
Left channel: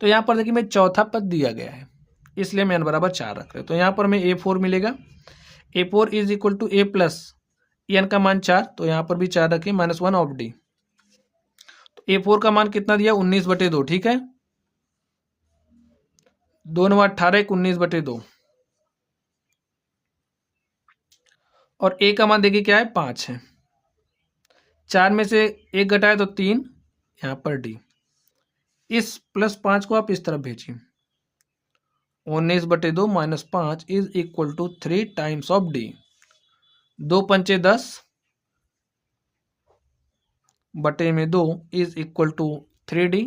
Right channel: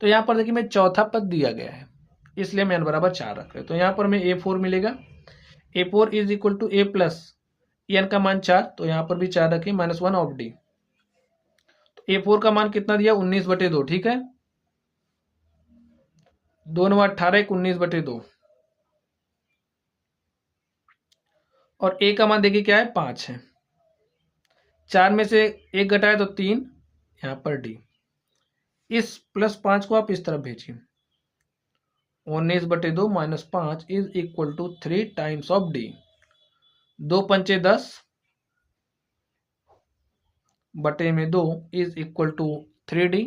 तो यहाँ पर देखिए मैं चौथा पद दिया गया है इसलिए मैं n बराबर 4 रख रहे हैं। तो यहाँ पर हमें A4 मिलेगा। A4 is equal to a plus n का मान 4, तो यहाँ पर भी 4 रखें, -1 ऑफ डी। तो A4 का मान कितना दिया, 19/2। ठीक है, 2 9 18 1 19/2, और a का मान देखिए क्या है, 5 है। 4 में से 1 घटाए तो 3, यहाँ पर डी। इस +5 को आप इस तरफ भेजिए। 19/2 -5 is equal to 3 times of D. 2 पंचे 10 बटे में 2 इज इक्वल टू 3d।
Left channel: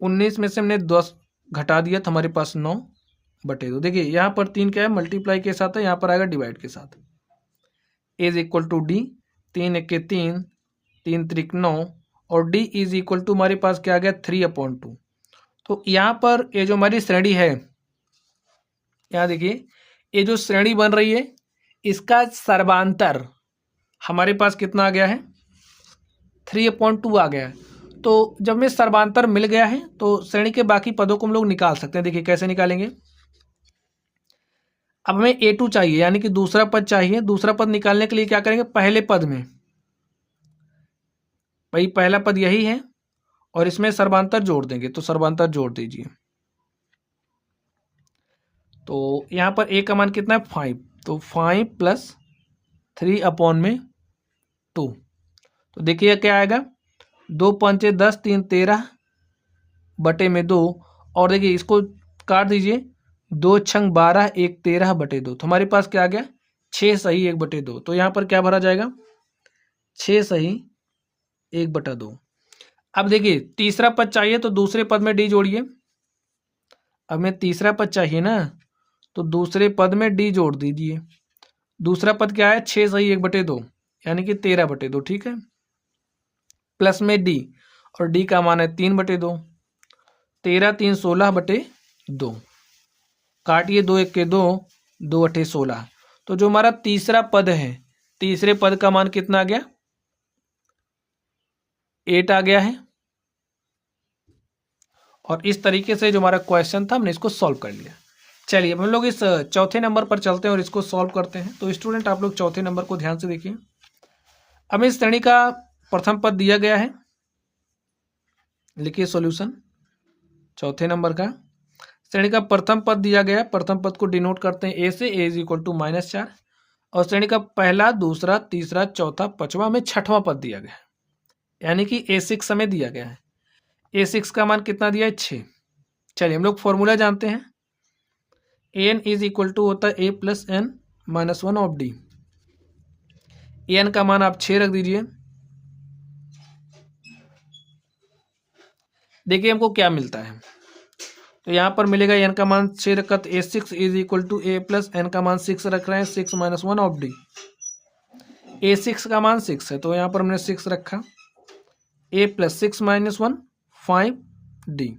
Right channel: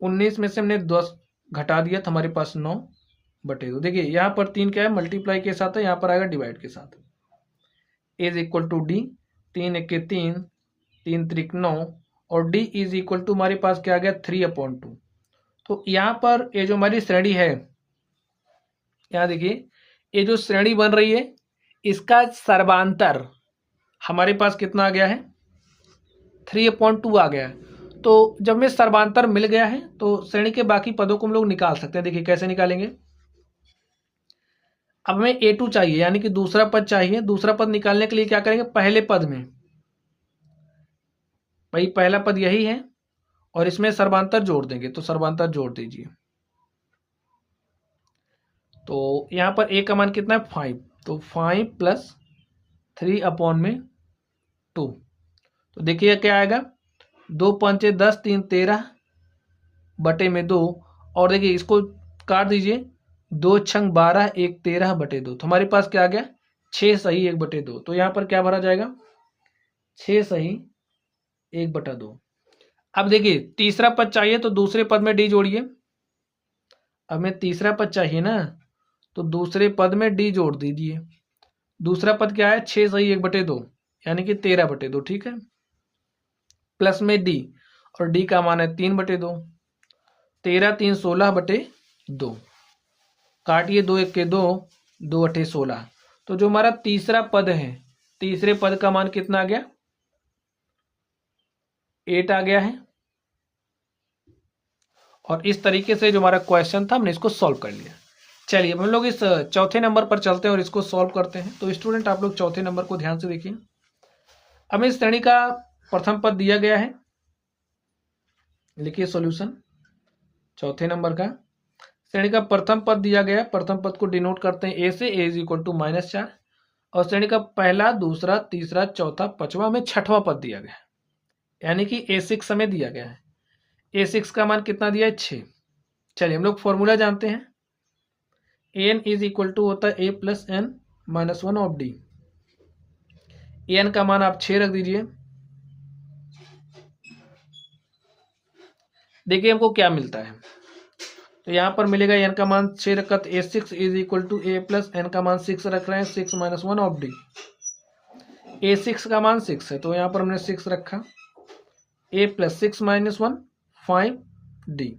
19 में से हमने 10 घटा दिया तो हमारे पास 9/2। देखिए यहाँ पर 3 क्या है, मल्टीप्लाई के साथ है, यहाँ पर आएगा डिवाइड के साथ। इज इक्वल टू डी, 3 1 के 3, 3 3 9, और डी इज इक्वल टू हमारे पास क्या आ गया, 3/2। तो तो यहाँ पर ये जो हमारी श्रेणी है, यहाँ देखिए ये जो श्रेणी बन रही है इसका सर्वांतर हमारे पास कितना आ गया है, 3/2 आ गया है। तो जब में सर्वांतर मिल गया है तो श्रेणी के बाकी पदों को हम लोग निकाल सकते हैं। देखिए कैसे निकालेंगे। अब हमें A2 चाहिए यानी कि दूसरा पद चाहिए। दूसरा पद निकालने के लिए क्या करेंगे, पहले पद में भाई पहला पद यही है और इसमें सर्वांतर जोड़ देंगे। तो सर्वांतर जोड़ दीजिए। तो यहाँ पर A का मान कितना है, 5। तो 5 + 3/2। तो देखिए क्या आएगा, 2 पंचे 10, 3 13 बटे में 2। और देखिए इसको काट दीजिए, 2 छंग 12, 1 13 बटे 2। तो हमारे पास क्या आ गया, 6 सही 1/2। तो यहाँ पर क्या भरा जाएगा, 6 सही 1/2। अब देखिए तीसरा पद चाहिए तो दूसरे पद में डी जोड़िए। अब हमें तीसरा पद चाहिए ना, तो दूसरे पद में डी जोड़ दीजिए। दूसरा पद क्या है, 6 सही 1/2 यानी कि 13/2। ठीक है, प्लस में डी, और डी का मान है 3/2। 13 3 16/2। काटिए, 2 1 के 2, 2 8 16। तो जो हमारा तीसरा पद है, तीसरे पद का मान कितना आ गया, 8 आ गया है। और इस तरीके से जो हमारा क्वेश्चन था हमने इसको सॉल्व कर लिया। चलिए हम लोग इस चौथे नंबर पर चलते हैं और इसको सॉल्व करते हैं। तो स्टूडेंट आप लोग चौथे नंबर को ध्यान से देखिए। हमें इस श्रेणी का प्रथम पद दिया गया है, लिखिए सॉल्यूशन। चौथे नंबर का श्रेणी का प्रथम पद दिया गया। प्रथम पद को डिनोट करते हैं ए से। A = -4। और श्रेणी का पहला, दूसरा, तीसरा, चौथा, पांचवा में छठवां पद दिया गया है, यानी कि A6 हमें दिया गया है। A6 का मान कितना दिया है, 6। चलिए हम लोग फॉर्मूला जानते हैं। an = होता है A + n - 1 of D। an का मान आप 6 रख दीजिए। देखिए हमको क्या मिलता है, तो यहाँ पर मिलेगा n का मान 6 रखा, तो A6 = A + n का मान 6 रख रहे हैं, 6 - 1 ऑफ D। A6 का मान 6 है तो यहाँ पर हमने 6 रखा। A + 6 - 1 5D।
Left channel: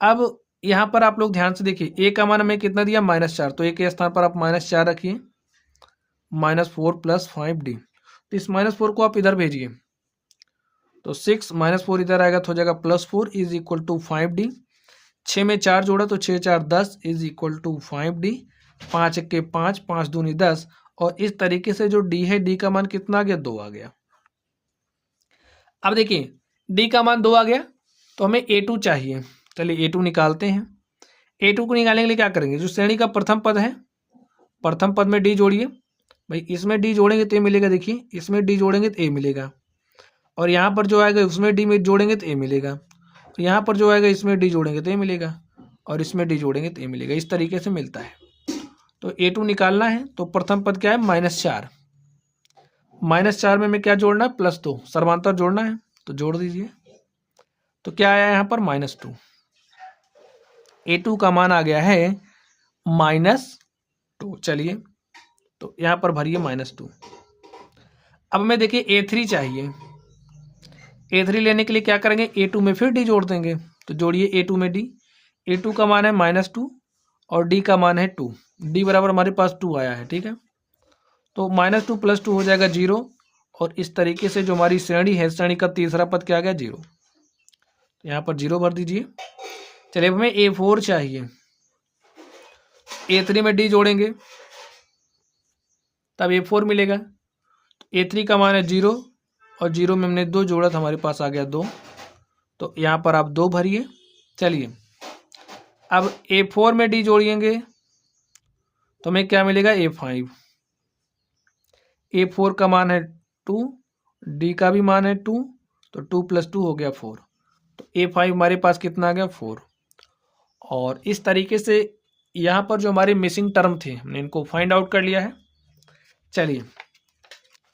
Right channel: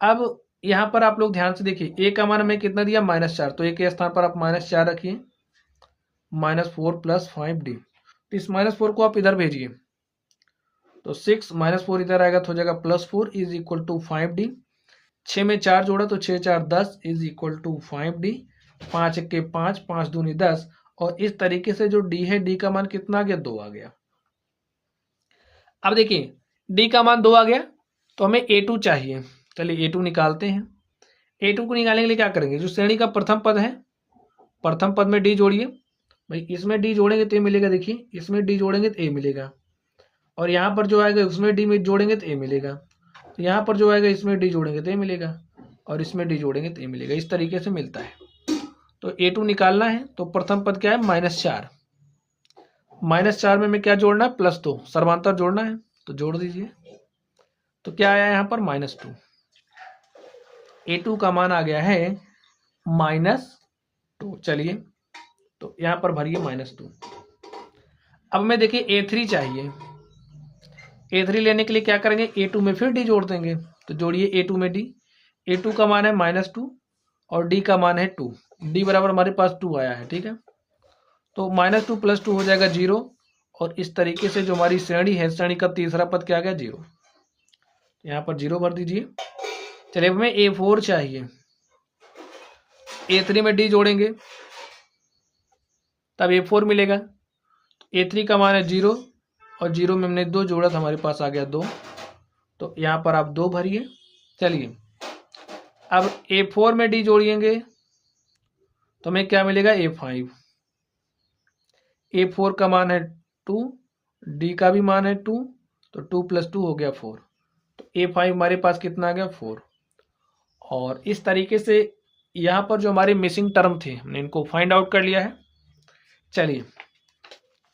अब यहाँ पर आप लोग ध्यान से देखिए, A का मान हमें कितना दिया, -4। तो A के स्थान पर आप -4 रखिए। -4 + 5D। तो इस -4 को आप इधर भेजिए, तो 6 -4 इधर आएगा तो हो जाएगा +4 = 5D। 6 में 4 जोड़ा तो 6 4 10 = 5D। 5 1 के 5, 5 दूनी 10। और इस तरीके से जो D है, D का मान कितना आ गया, 2 आ गया। अब देखिए D का मान 2 आ गया तो हमें A2 चाहिए। चलिए A2 निकालते हैं। A2 को निकालने के लिए क्या करेंगे, जो श्रेणी का प्रथम पद है, प्रथम पद में D जोड़िए। भाई इसमें D जोड़ेंगे तो A मिलेगा। देखिए इसमें D जोड़ेंगे तो A मिलेगा, और यहाँ पर जो आएगा उसमें D में जोड़ेंगे तो A मिलेगा। तो यहाँ पर जो आएगा इसमें D जोड़ेंगे तो A मिलेगा, और इसमें D जोड़ेंगे तो A मिलेगा। इस तरीके से मिलता है। तो A2 निकालना है तो प्रथम पद क्या है, -4। -4 में हमें क्या जोड़ना है, +2, सर्वांतर जोड़ना है। तो जोड़ दीजिए। तो क्या आया यहाँ पर, -2। A2 का मान आ गया है -2। चलिए तो यहाँ पर भरिए -2। अब हमें देखिए A3 चाहिए। A3 लेने के लिए क्या करेंगे, A2 में फिर D जोड़ देंगे। तो जोड़िए A2 में D। A2 का मान है -2 और D का मान है 2। D बराबर हमारे पास 2 आया है। ठीक है, तो -2 + 2 हो जाएगा 0। और इस तरीके से जो हमारी श्रेणी है, श्रेणी का तीसरा पद क्या आ गया, 0। तो यहाँ पर 0 भर दीजिए। चलिए हमें A4 चाहिए। A3 में D जोड़ेंगे तब A4 मिलेगा। A3 का मान है 0 और 0 में हमने 2 जोड़ा तो हमारे पास आ गया 2। तो यहाँ पर आप 2 भरिए। चलिए अब A4 में D जोड़िएंगे तो हमें क्या मिलेगा, A5। A4 का मान है 2, D का भी मान है 2, तो 2 + 2 हो गया 4। तो A5 हमारे पास कितना आ गया, 4। और इस तरीके से यहाँ पर जो हमारे मिसिंग टर्म थे हमने इनको फाइंड आउट कर लिया है। चलिए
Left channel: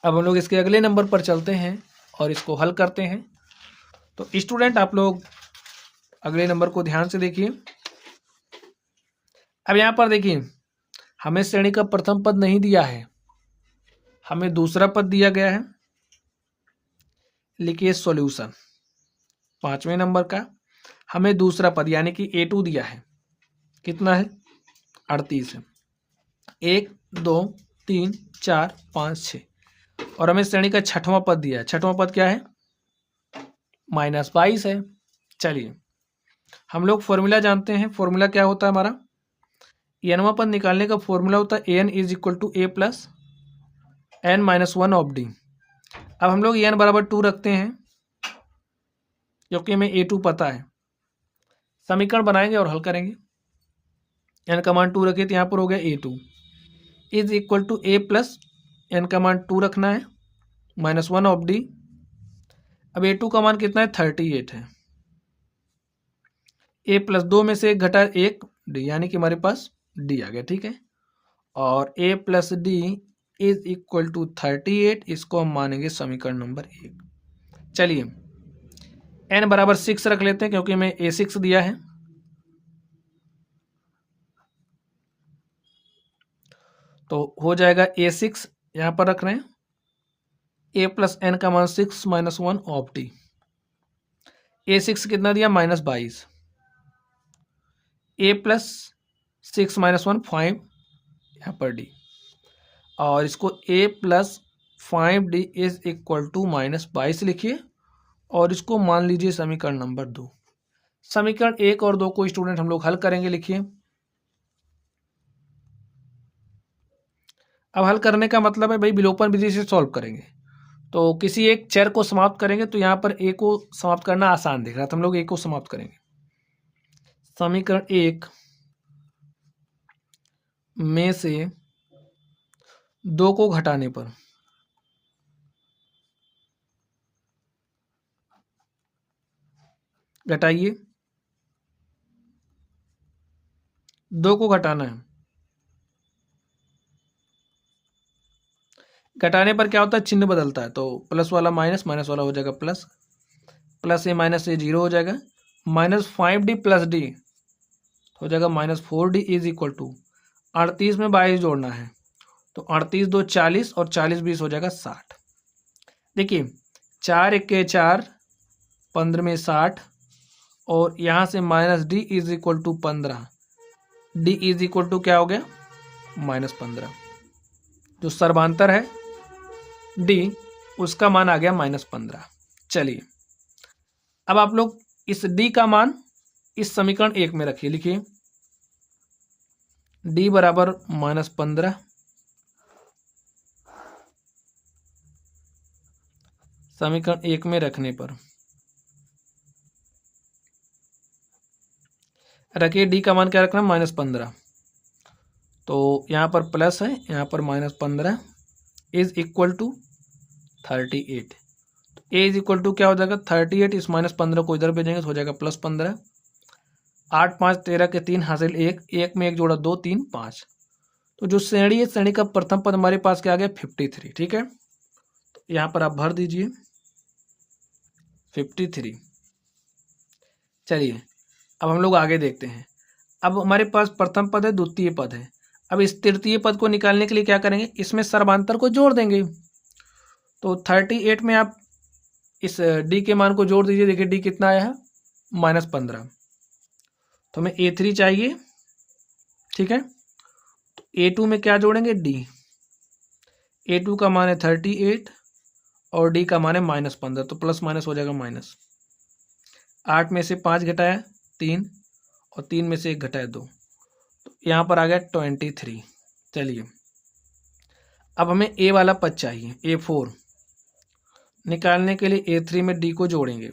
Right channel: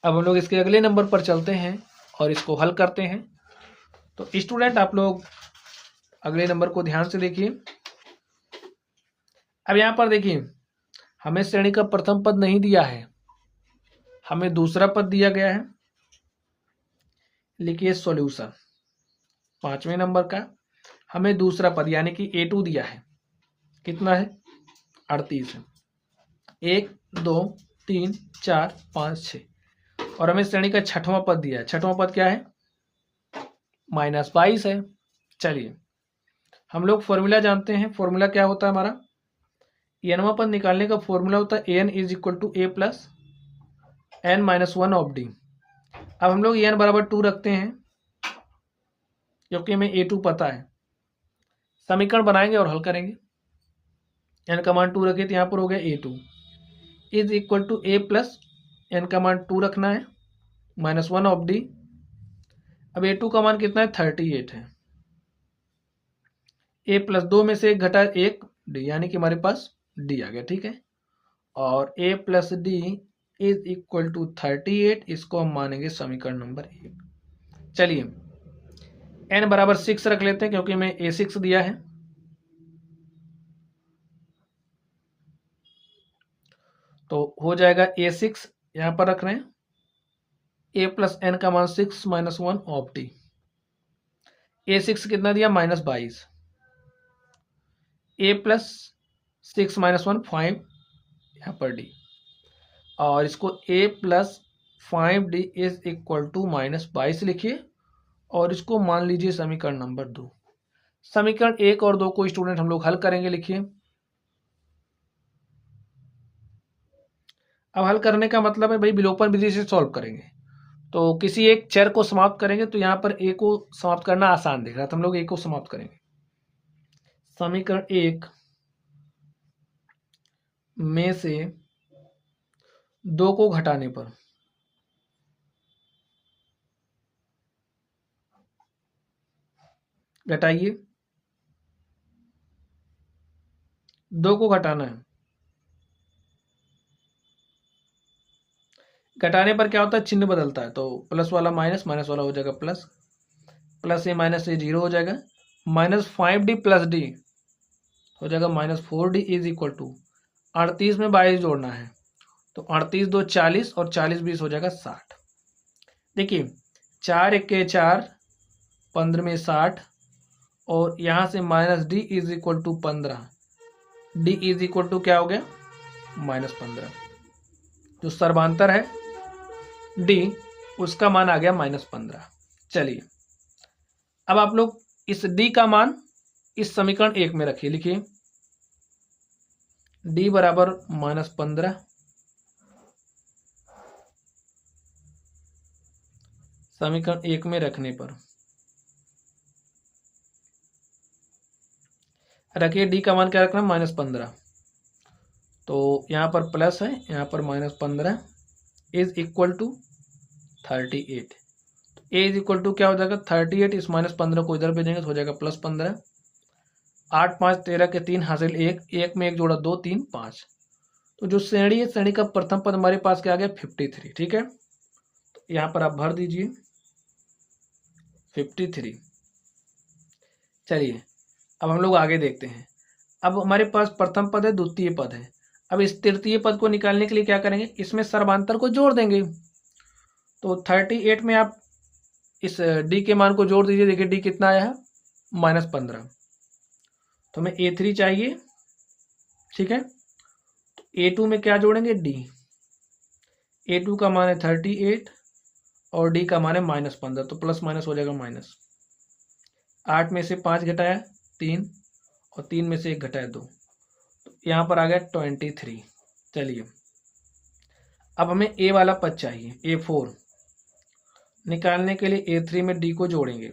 अब हम लोग इसके अगले नंबर पर चलते हैं और इसको हल करते हैं। तो स्टूडेंट आप लोग अगले नंबर को ध्यान से देखिए। अब यहाँ पर देखिए हमें श्रेणी का प्रथम पद नहीं दिया है, हमें दूसरा पद दिया गया है। लिखिए सॉल्यूशन। 5वें नंबर का हमें दूसरा पद यानी कि A2 दिया है, कितना है 38 है, 1 2 3 4 5 6, और हमें श्रेणी का छठवां पद दिया है। छठवां पद क्या है -22 है। चलिए हम लोग फॉर्मूला जानते हैं, फॉर्मूला क्या होता है हमारा, nवां पद निकालने का फॉर्मूला होता है an is equal to a plus n minus 1 of D. अब हम लोग n बराबर 2 रखते हैं क्योंकि हमें A2 पता है, समीकरण बनाएंगे और हल करेंगे। n का मान 2 रखे तो यहाँ पर हो गया A2 is equal to a plus n का मान 2 रखना है माइनस 1 ऑफ डी। अब A2 का मान कितना है 38 है, a प्लस 2 में से एक घटा 1 डी, यानी कि हमारे पास डी आ गया, ठीक है। और a plus D is equal to 38, इसको हम मानेंगे समीकरण नंबर 1। चलिए n बराबर 6 रख लेते हैं क्योंकि हमें A6 दिया है, तो हो जाएगा A6 यहां पर रख रहे हैं, a प्लस n का मान 6 माइनस 1 ऑफ डी। A6 कितना दिया -22, a प्लस 6 माइनस 1 5 यहाँ पर डी, और इसको a plus 5d is equal to -22 लिखिए और इसको मान लीजिए समीकरण नंबर 2। समीकरण 1 और 2 को स्टूडेंट हम लोग हल करेंगे, लिखिए। अब हल करने का मतलब है भाई विलोपन विधि से सॉल्व करेंगे, तो किसी एक चर को समाप्त करेंगे तो यहाँ पर a को समाप्त करना आसान दिख रहा है, तो हम लोग a को समाप्त करेंगे। समीकरण 1 में से 2 को घटाने पर घटाइए, 2 को घटाना है, घटाने पर क्या होता है चिन्ह बदलता है, तो प्लस वाला माइनस, माइनस वाला हो जाएगा प्लस, प्लस ए माइनस ए 0 हो जाएगा, -5d प्लस डी हो जाएगा -4d इज इक्वल टू 38 में 22 जोड़ना है, तो 38 2 40 और 40 20 हो जाएगा 60। देखिए 4 1 4 15 में 60, और यहाँ से -d is equal to 15, d is equal to क्या हो गया -15, जो सर्वांतर है d उसका मान आ गया -15। चलिए अब आप लोग इस d का मान इस समीकरण 1 में रखिए, लिखिए d बराबर -15, समीकरण 1 में रखने पर रखिए d का मान क्या रखना है -15, तो यहाँ पर प्लस है, यहाँ पर -15 is equal to 38, a is equal to क्या हो जाएगा 38, इस -15 को इधर भेजेंगे तो हो जाएगा +15, 8 5 13 के 3 हासिल 1, 1 में 1 जोड़ा 2 3 5, तो जो श्रेणी है श्रेणी का प्रथम पद हमारे पास क्या आ गया 53, ठीक है। तो यहाँ पर आप भर दीजिए 53। चलिए अब हम लोग आगे देखते हैं। अब हमारे पास प्रथम पद है, द्वितीय पद है। अब इस तृतीय पद को निकालने के लिए क्या करेंगे, इसमें सर्वांतर को जोड़ देंगे, तो 38 में आप इस d के मान को जोड़ दीजिए, देखिए d कितना आया है -15, तो हमें A3 चाहिए, ठीक है। तो A2 में क्या जोड़ेंगे d, A2 का मान है 38 और d का मान है -15, तो प्लस माइनस हो जाएगा माइनस, 8 में से 5 घटाया 3 और 3 में से 1 घटाया 2, तो यहाँ पर आ गया 23। चलिए अब हमें a वाला पद चाहिए, A4 निकालने के लिए A3 में d को जोड़ेंगे,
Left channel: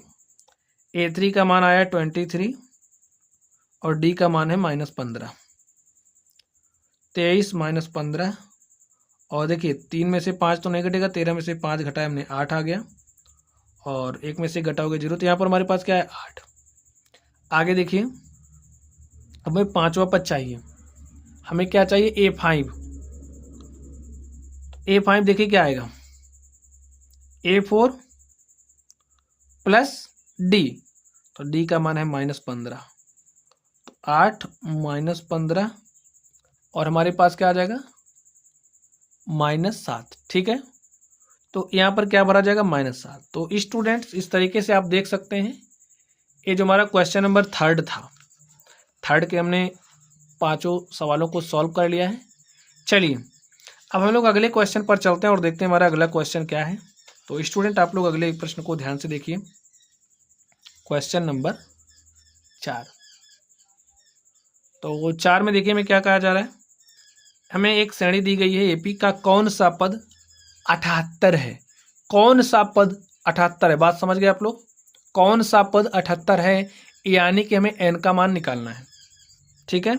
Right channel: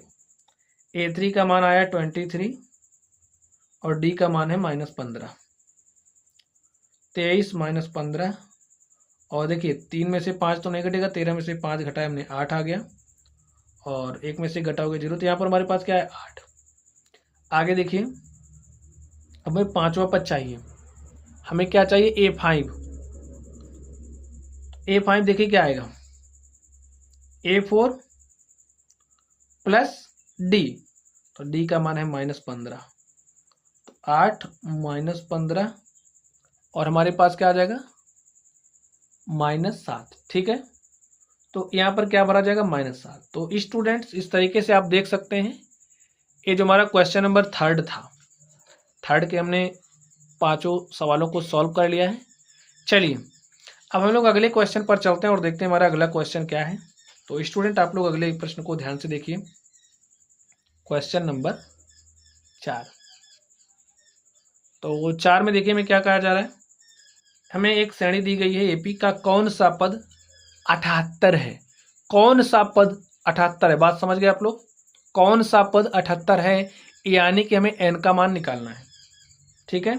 A3 का मान आया 23 और d का मान है -15, 23 -15, और देखिए 3 में से 5 तो नहीं घटेगा, 13 में से 5 घटाया हमने 8 आ गया, और 1 में से घटाओगे 0, तो यहाँ पर हमारे पास क्या है 8। आगे देखिए अब हमें पांचवा पद चाहिए, हमें क्या चाहिए A5, A5 देखिए क्या आएगा A4 प्लस d, तो d का मान है -15, तो 8 -15 और हमारे पास क्या आ जाएगा -7, ठीक है। तो यहाँ पर क्या भरा जाएगा -7। तो स्टूडेंट्स इस तरीके से आप देख सकते हैं ये जो हमारा क्वेश्चन नंबर 3 था, 3 के हमने 5 सवालों को सॉल्व कर लिया है। चलिए अब हम लोग अगले क्वेश्चन पर चलते हैं और देखते हैं हमारा अगला क्वेश्चन क्या है। तो स्टूडेंट आप लोग अगले प्रश्न को ध्यान से देखिए। Question number 4। तो 4 में देखिए हमें क्या कहा जा रहा है। हमें एक श्रेणी दी गई है, एपी का कौन सा पद 78 है। कौन सा पद 78 है, बात समझ गए आप लोग। कौन सा पद 78 है, यानी कि हमें एन का मान निकालना है। ठीक है,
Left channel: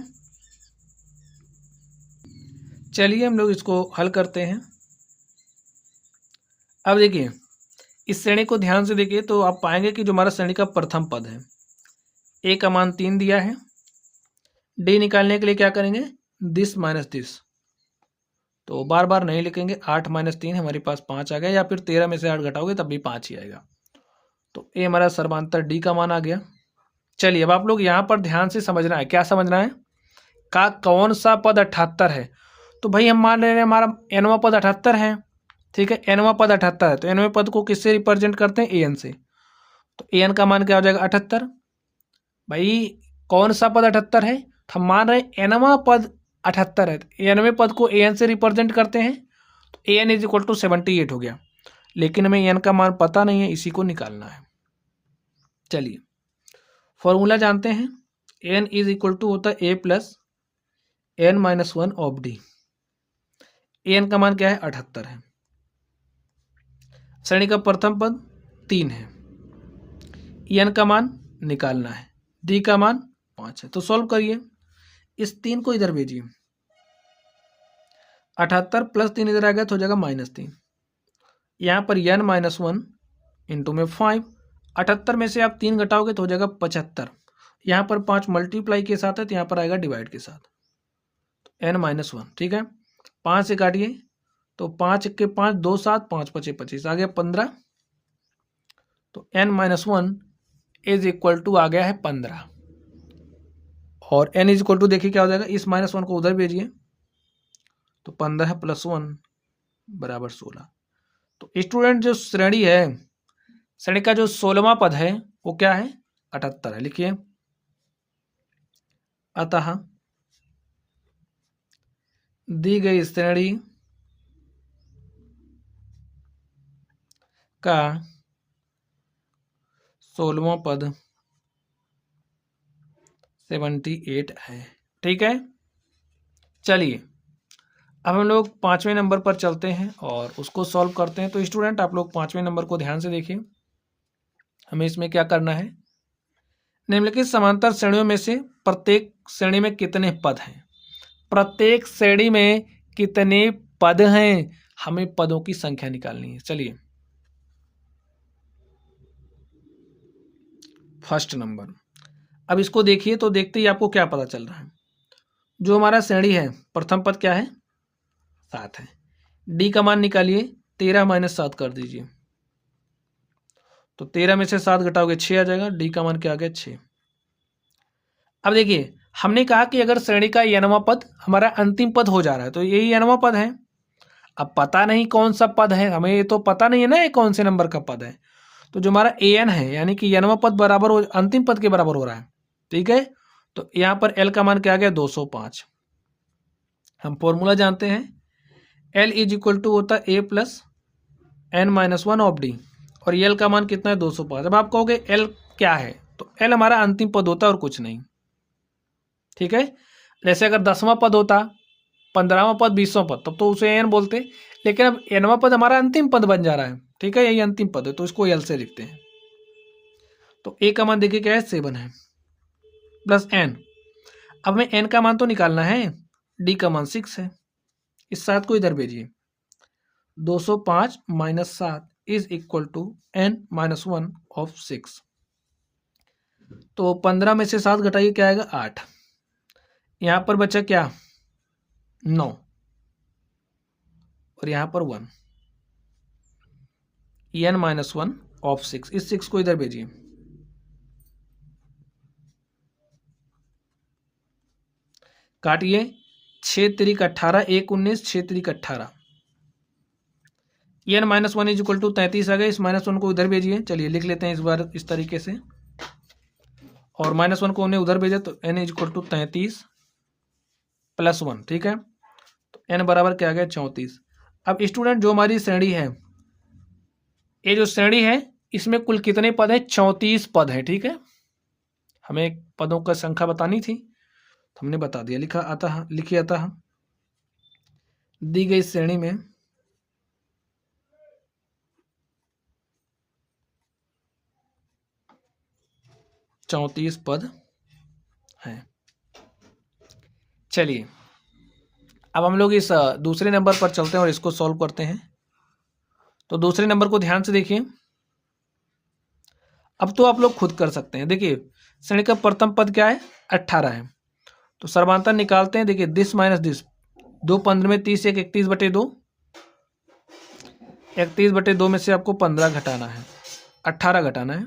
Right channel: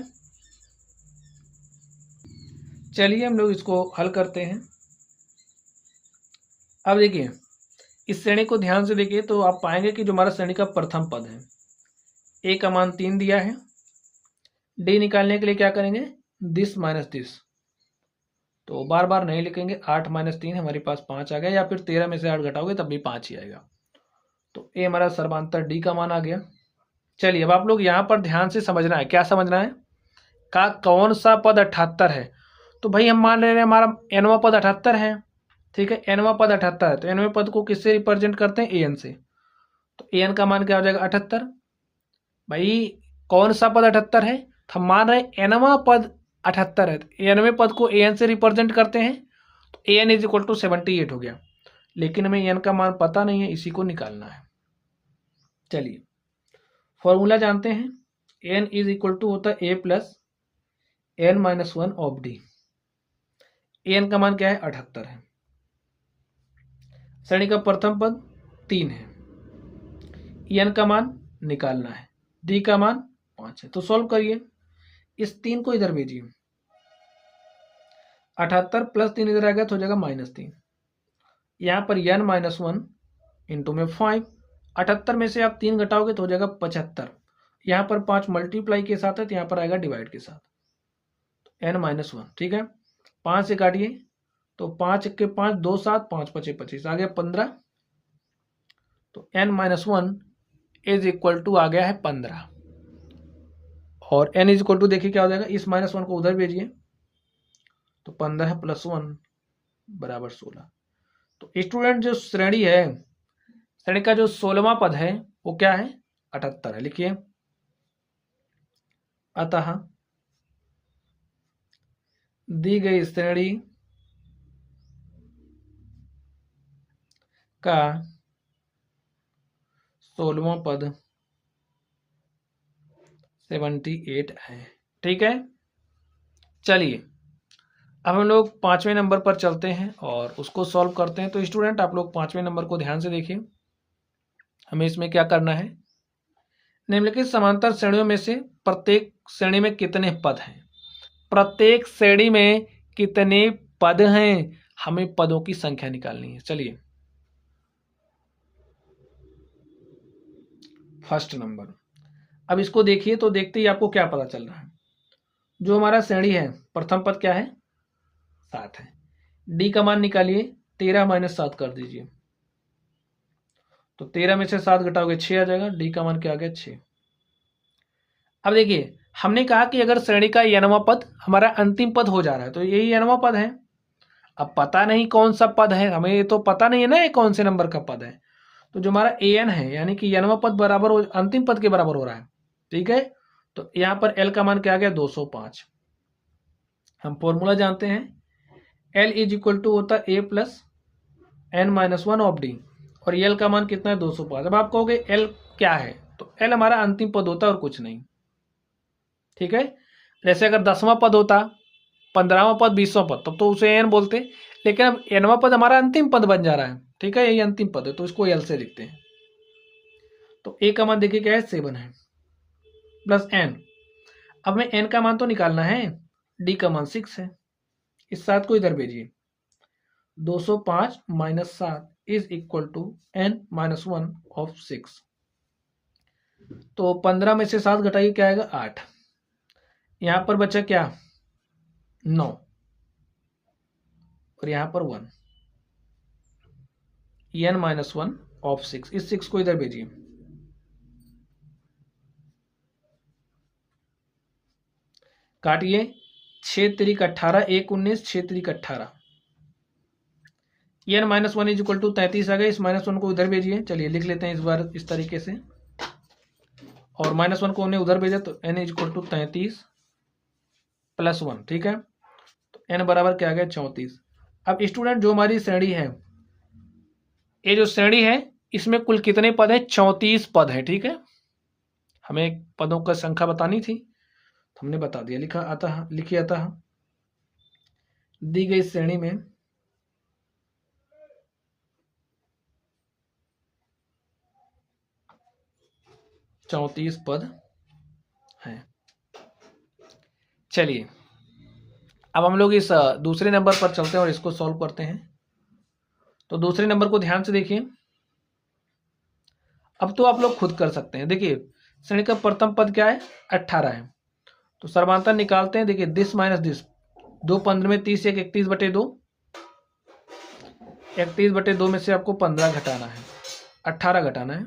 चलिए हम लोग इसको हल करते हैं। अब देखिए इस श्रेणी को ध्यान से देखिए तो आप पाएंगे कि जो हमारा श्रेणी का प्रथम पद है, ए का मान 3 दिया है। डी निकालने के लिए क्या करेंगे, दिस माइनस दिस, तो बार बार नहीं लिखेंगे। 8 माइनस 3 हमारे पास 5 आ गया, या फिर 13 में से 8 घटाओगे तब भी 5 ही आएगा। तो ए हमारा सर्वांतर डी का मान आ गया। चलिए अब आप लोग यहाँ पर ध्यान से समझना है। क्या समझना है, का कौन सा पद 78 है। तो भाई हम मान ले रहे हैं हमारा एनवा पद 78 है। ठीक है, एनवा पद 78 है, तो एनवे पद को किससे रिप्रेजेंट करते हैं, ए एन से। तो ए एन का मान क्या हो जाएगा, 78। भाई कौन सा पद 78 है, तो हम मान रहे हैं एनवा पद 78 है, एनवे पद को ए एन से रिप्रेजेंट करते हैं। तो A N is equal to 78 हो गया, लेकिन हमें एन का मान पता नहीं है, इसी को निकालना है। चलिए फॉर्मूला जानते हैं, एन इज इक्वल टू होता है A plus N minus 1 of D. N का मान क्या है, 78 है। श्रेणी का प्रथम पद 3 है, एन का मान निकालना है, डी का मान 5 है। तो सॉल्व करिए, इस 3 को इधर भेजिए। 78 प्लस 3 इधर आ गया तो हो जाएगा -3। यहाँ पर n माइनस 1 इंटू में 5। 78 में से आप 3 घटाओगे तो हो जाएगा 75। यहाँ पर 5 मल्टीप्लाई के साथ है, तो यहाँ पर आएगा डिवाइड के साथ, n माइनस 1। ठीक है, 5 से काटिए तो 5 के 5 2 7 5 5 25 आ गया 15। तो n minus 1 is equal to आ गया है 15। और n इज इक्वल टू देखिए क्या हो जाएगा, इस -1 को उधर भेजिए तो 15 प्लस 1 बराबर 16। तो स्टूडेंट जो श्रेणी है, श्रेणी का जो 16वां पद है वो क्या है, 78 है। लिखिए, अतः दी गई श्रेणी का 16वां पद 78 है। ठीक है, चलिए अब हम लोग 5वें नंबर पर चलते हैं और उसको सॉल्व करते हैं। तो स्टूडेंट आप लोग 5वें नंबर को ध्यान से देखिए। हमें इसमें क्या करना है, निम्नलिखित समांतर श्रेणियों में से प्रत्येक श्रेणी में कितने पद हैं। प्रत्येक श्रेणी में कितने पद हैं, हमें पदों की संख्या निकालनी है। चलिए फर्स्ट नंबर, अब इसको देखिए तो देखते ही आपको क्या पता चल रहा है। जो हमारा श्रेणी है, प्रथम पद क्या है, 7 है। डी का मान निकालिए, 13 माइनस 7 कर दीजिए, तो 13 में से 7 घटाओगे 6 आ जाएगा। डी का मान क्या आ गया, 6। अब देखिए हमने कहा कि अगर श्रेणी का n वां पद हमारा अंतिम पद हो जा रहा है, तो यही n वां पद है। अब पता नहीं कौन सा पद है, हमें ये तो पता नहीं है ना ये कौन से नंबर का पद है। तो जो हमारा an है, यानी कि n वां पद बराबर अंतिम पद के बराबर हो रहा है। ठीक है, तो यहाँ पर l का मान क्या आ गया, 205। हम फॉर्मूला जानते हैं, l इज इक्वल टू होता है a plus n minus 1 of D, और l का मान कितना है, 205। अब आप कहोगे l क्या है, तो l हमारा अंतिम पद होता है और कुछ नहीं। ठीक है, जैसे अगर 10वां पद होता, 15वां पद, 20वां पद, तब तो उसे n बोलते, लेकिन अब nवां पद हमारा अंतिम पद बन जा रहा है। ठीक है, यही अंतिम पद है, तो इसको l से लिखते हैं। तो a का मान देखिए क्या है, 7 है, प्लस n। अब हमें n का मान तो निकालना है, d का मान 6 है। इस 7 को इधर भेजिए, 205 minus 7 is equal to n minus 1 of 6। तो 15 में से 7 घटाइए, क्या आएगा, 8। यहाँ पर बचा क्या, 9, और यहाँ पर 1, n माइनस 1 ऑफ 6। इस 6 को इधर भेजिए, काटिए, 6 त्रिक 18, 1 19, 6 त्रिक 18, n minus 1 is equal to 33 आ गया। इस -1 को इधर भेजिए। चलिए लिख लेते हैं इस बार इस तरीके से, और -1 को हमने उधर भेजा तो n इज इक्वल टू 33 + 1, ठीक है। तो n बराबर क्या आ गया 34। अब स्टूडेंट जो हमारी श्रेणी है, ये जो श्रेणी है इसमें कुल कितने पद है? 34 पद है, ठीक है। हमें पदों का संख्या बतानी थी, हमने बता दिया, लिखिए अतः दी गई श्रेणी में 34 पद हैं। चलिए अब हम लोग इस दूसरे नंबर पर चलते हैं और इसको सॉल्व करते हैं। तो दूसरे नंबर को ध्यान से देखिए। अब तो आप लोग खुद कर सकते हैं। देखिए श्रेणी का प्रथम पद क्या है? 18 है। तो सर्वांतर निकालते हैं। देखिए दिस माइनस दिस, 2 15 में 30, 31/2, 31/2 में से आपको 15 घटाना है, 18 घटाना है।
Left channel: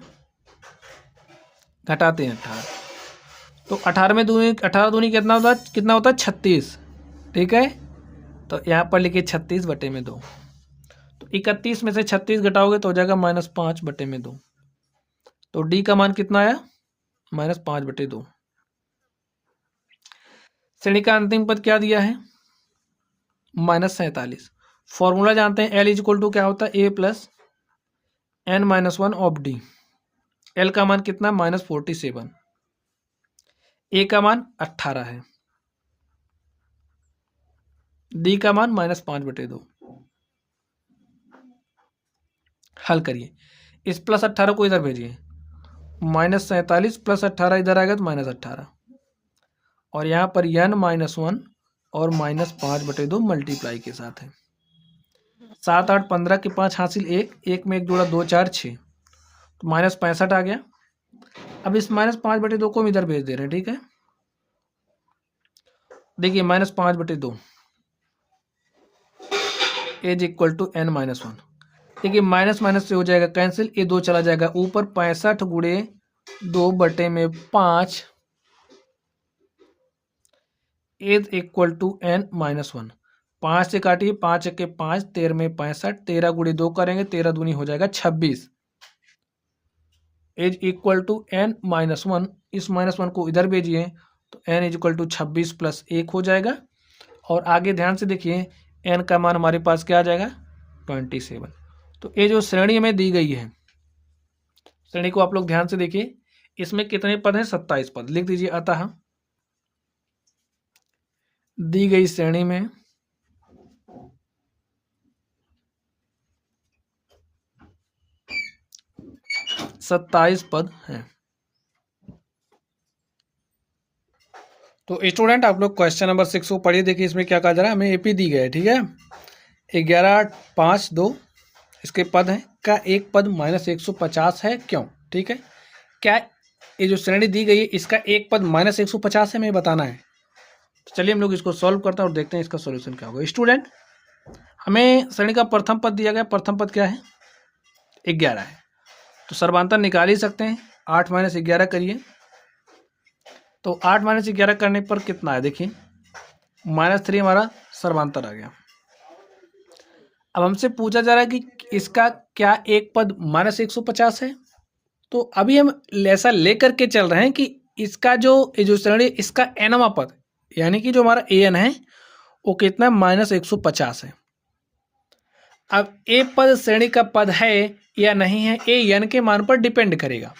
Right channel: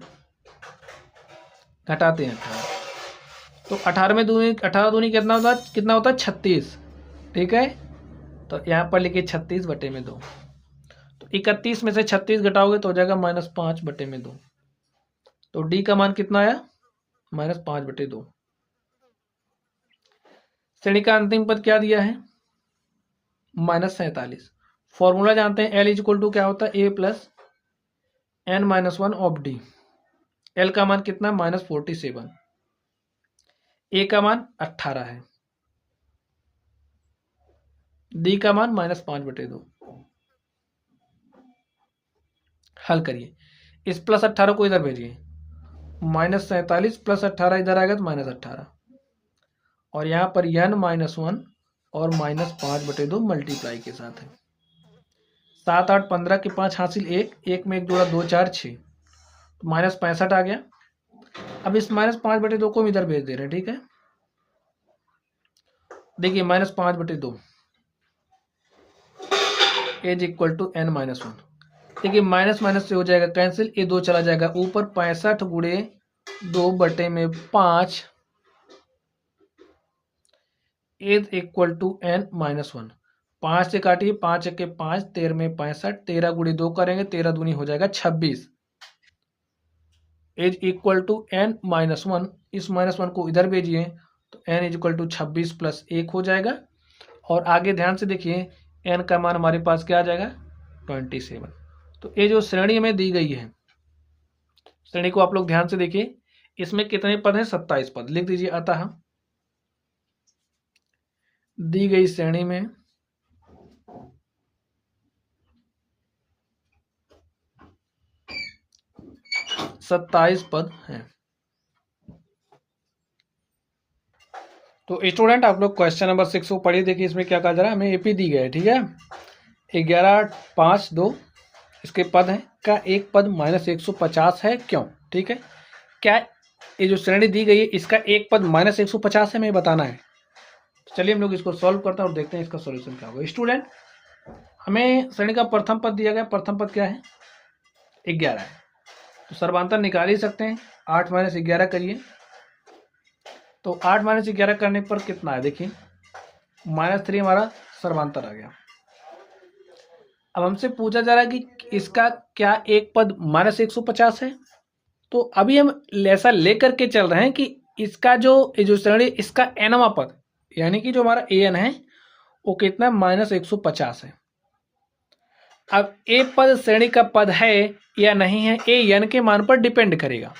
घटाते हैं 18। तो 18 दूनी कितना होता है? 36, ठीक है। तो यहाँ पर लिखिए 36/2। तो 31 में से 36 घटाओगे तो हो जाएगा -5/2। तो डी का मान कितना आया? -5/2। श्रेणी का अंतिम पद क्या दिया है? -47। फॉर्मूला जानते हैं, एल इज इक्वल टू क्या होता है? A plus n-1 of D. L का मान कितना? -47। ए का मान 18 है, डी का मान -5/2। हल करिए, इस +18 को इधर भेजिए, -47 + 18 इधर आएगा तो -18, और यहाँ पर n-1 और -5/2 मल्टीप्लाई के साथ है। 7 8 15 के 5 हासिल 1, 1 में 1 जोड़ा 2 4 6, तो -65 आ गया। अब इस -5/2 को हम इधर भेज दे रहे हैं, ठीक है। देखिए -5/2 इज इक्वल टू n-1। देखिए माइनस माइनस से हो जाएगा कैंसिल, ये 2 चला जाएगा ऊपर, 65 गुणे 2/5 इज इक्वल टू n-1। 5 से काटिए, 5 के 5, 13 में 65, 13 गुणे 2 करेंगे, 13 दूनी हो जाएगा 26 इज इक्वल टू n-1। इस -1 को इधर भेजिए तो n इज इक्वल टू 26 + 1 हो जाएगा। और आगे ध्यान से देखिए, n का मान हमारे पास क्या आ जाएगा? 27। तो ये जो श्रेणी हमें दी गई है, श्रेणी को आप लोग ध्यान से देखिए, इसमें कितने पद हैं? 27 पद। लिख दीजिए अतः दी गई श्रेणी में 27 पद हैं। तो स्टूडेंट आप लोग क्वेश्चन नंबर 6 को पढ़िए। देखिए इसमें क्या कहा जा रहा है, हमें एपी दी गई है, ठीक है। 11 5 2 इसके पद हैं, क्या एक पद -150 है? क्यों? ठीक है, क्या ये जो श्रेणी दी गई है इसका एक पद -150 है, हमें बताना है। चलिए हम लोग इसको सॉल्व करते हैं और देखते हैं इसका सॉल्यूशन क्या होगा। स्टूडेंट हमें श्रेणी का प्रथम पद दिया गया, प्रथम पद क्या है? 11 है। तो सर्वांतर निकाल ही सकते हैं, 8 - 11 करिए। तो 8 - 11 करने पर कितना है? देखिए -3 हमारा सर्वांतर आ गया। अब हमसे पूछा जा रहा है कि इसका क्या एक पद -150 है। तो अभी हम ऐसा लेकर के चल रहे हैं कि इसका जो श्रेणी, इसका nवां पद यानी कि जो हमारा an है वो कितना? -150 है। अब ए पद श्रेणी का पद है या नहीं है, ये n के मान पर डिपेंड करेगा।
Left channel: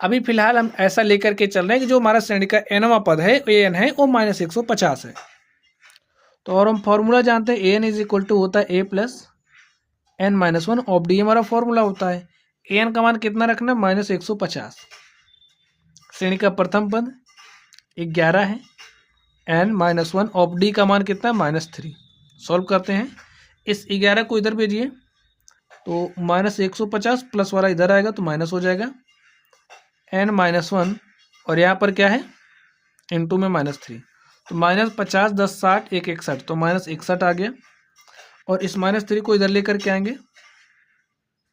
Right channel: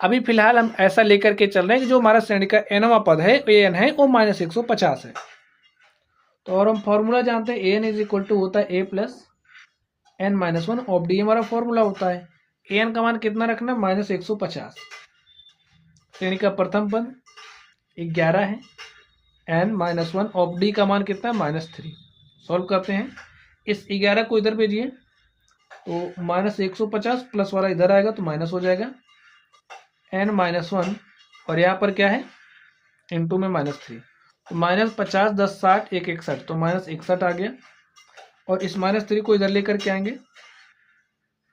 अभी फिलहाल हम ऐसा लेकर के चल रहे हैं कि जो हमारा श्रेणी का nवां पद है, an है, वो -150 है। तो और हम फॉर्मूला जानते हैं, an इज इक्वल टू होता है a plus n-1 of D, हमारा फॉर्मूला होता है। an का मान कितना रखना? -150। श्रेणी का प्रथम पद 11 है, n-1 ऑफ डी का मान कितना? -3। सॉल्व करते हैं, इस 11 को इधर भेजिए तो -150 प्लस वाला इधर आएगा तो माइनस हो जाएगा, n-1 और यहाँ पर क्या है? इंटू में -3, तो -50 10 60 1 61, तो -61 आ गया। और इस -3 को इधर लेकर के आएंगे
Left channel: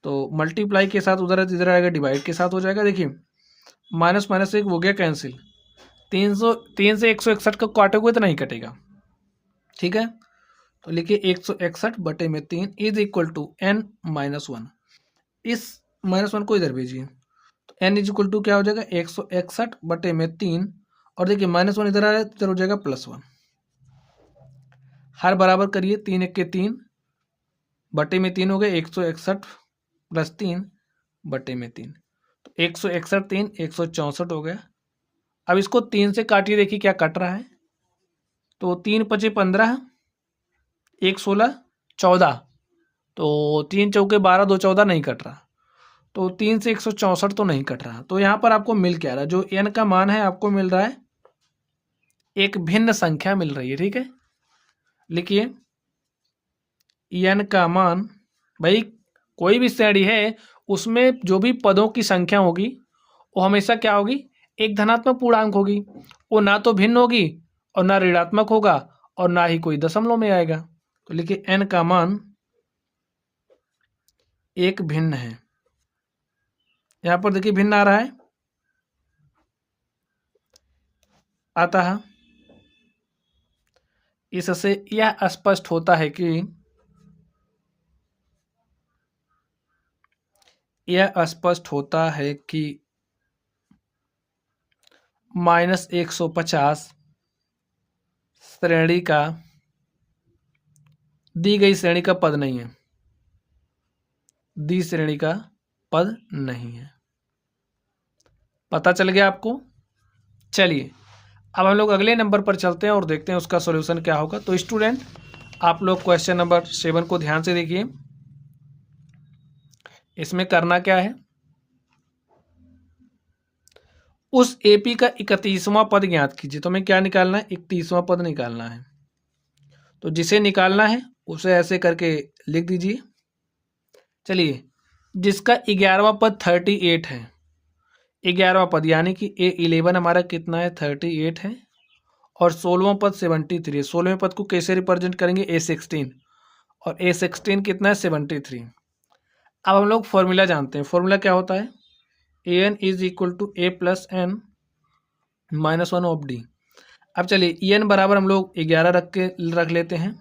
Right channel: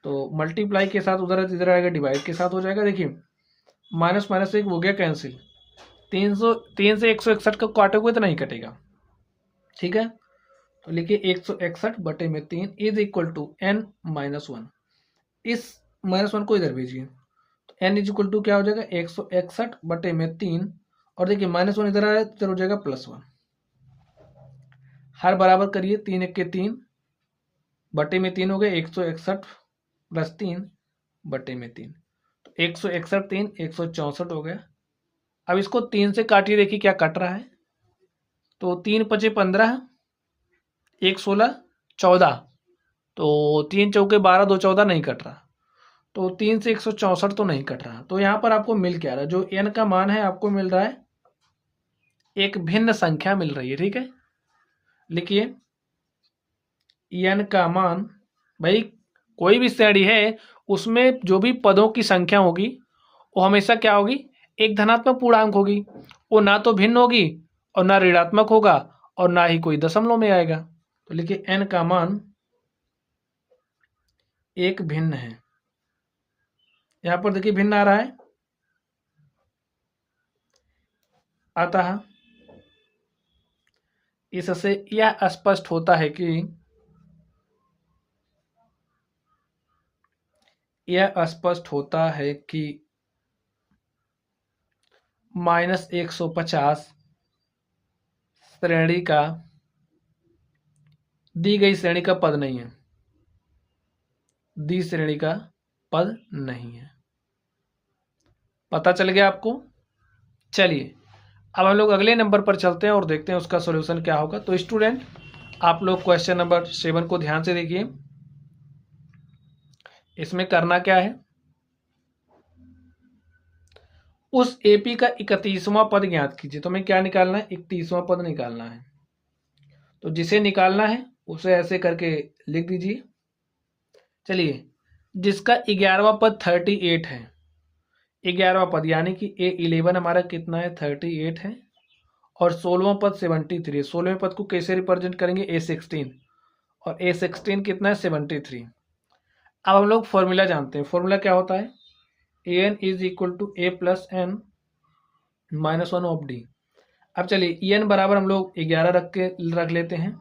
तो मल्टीप्लाई के साथ उधर इधर आएगा, डिवाइड के साथ हो जाएगा। देखिए माइनस माइनस एक हो गया कैंसिल, 3 से 161 को काटोगे तो नहीं कटेगा, ठीक है। तो लिखिए 161/3 इज इक्वल टू n-1। इस -1 को इधर भेजिए n इज इक्वल टू क्या हो जाएगा 161/3, और देखिए -1 इधर आया, इधर हो जाएगा +1। हर बराबर करिए, 3 1 के 3 बटे में 3 हो गए, 161 + 3 बटे में 3, तो 161 3 164 हो गया। अब इसको 3 से काटिए, देखिए क्या कट रहा है, तो 3 × 5 = 15, 1 16 14, तो 3 चौके 12, 2 14 नहीं कट रहा, तो 3 से 164 तो नहीं कट रहा। तो यहाँ पर आपको मिल क्या रहा है, जो n का मान है आपको मिल रहा है एक भिन्न संख्या मिल रही है। ठीक है, लिखिए n का मान, भाई कोई भी श्रेणी है उसमें जो भी पदों की संख्या होगी वो हमेशा क्या होगी, एक धनात्मक पूर्णांक होगी। वो ना तो भिन्न होगी और ना ऋणात्मक होगा और ना ही कोई दशमलव में आएगा। तो लिखिए n का मान एक भिन्न है। यहां पर देखिए भिन्न आ रहा है, आता है। इससे यह स्पष्ट होता है कि -150 श्रेणी का, दी गई श्रेणी का पद नहीं है, दी श्रेणी का पद नहीं है। पता चल गया आपको? चलिए अब हम लोग अगले नंबर पर चलते हैं और देखते हैं उसका सॉल्यूशन क्या होगा। तो स्टूडेंट, आप लोग क्वेश्चन नंबर 7 को ध्यान से देखिए। इसमें करना क्या है, उस एपी का 31वां पद ज्ञात कीजिए। तो हमें क्या निकालना है, 31वां पद निकालना है। तो जिसे निकालना है उसे ऐसे करके लिख दीजिए। चलिए, जिसका 11वां पद 38 है, 11वां पद यानी कि A11 हमारा कितना है, 38 है, और 16वां पद 73 है। 16वें पद को कैसे रिप्रेजेंट करेंगे, A16, और A16 कितना है, 73। अब हम लोग फॉर्मूला जानते हैं। फॉर्मूला क्या होता है, an is equal to a + n - 1 of d। अब चलिए en बराबर हम लोग 11 रख लेते हैं,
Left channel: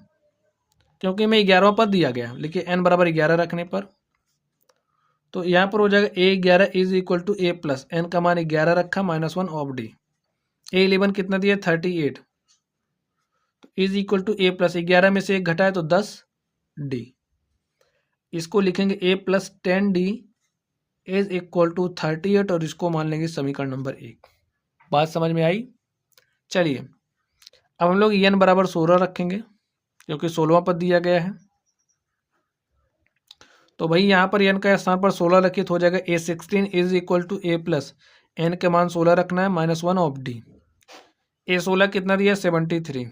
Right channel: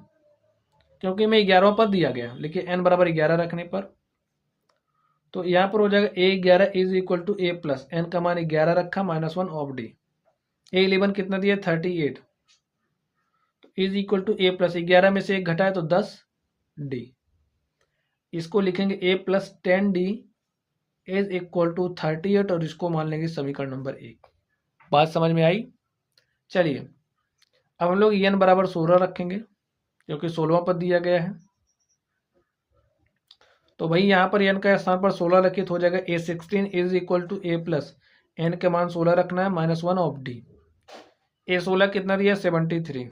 क्योंकि हमें 11वां पद दिया गया। लिखिए n बराबर 11 रखने पर, तो यहाँ पर हो जाएगा A11 is equal to a + n का मान 11 रखा, -1 ऑफ d। A11 कितना दिया, 38, इज इक्वल टू a + 11 में से 1 घटाए तो 10d। इसको लिखेंगे a + 10d is equal to 38, और इसको मान लेंगे समीकरण नंबर 1। बात समझ में आई? चलिए अब हम लोग n बराबर 16 रखेंगे, क्योंकि 16वां पद दिया गया है। तो भाई यहाँ पर n का स्थान पर 16 रखिए तो हो जाएगा A16 is equal to a + n के मान 16 रखना है, -1 ऑफ d। A16 कितना दिया, 73,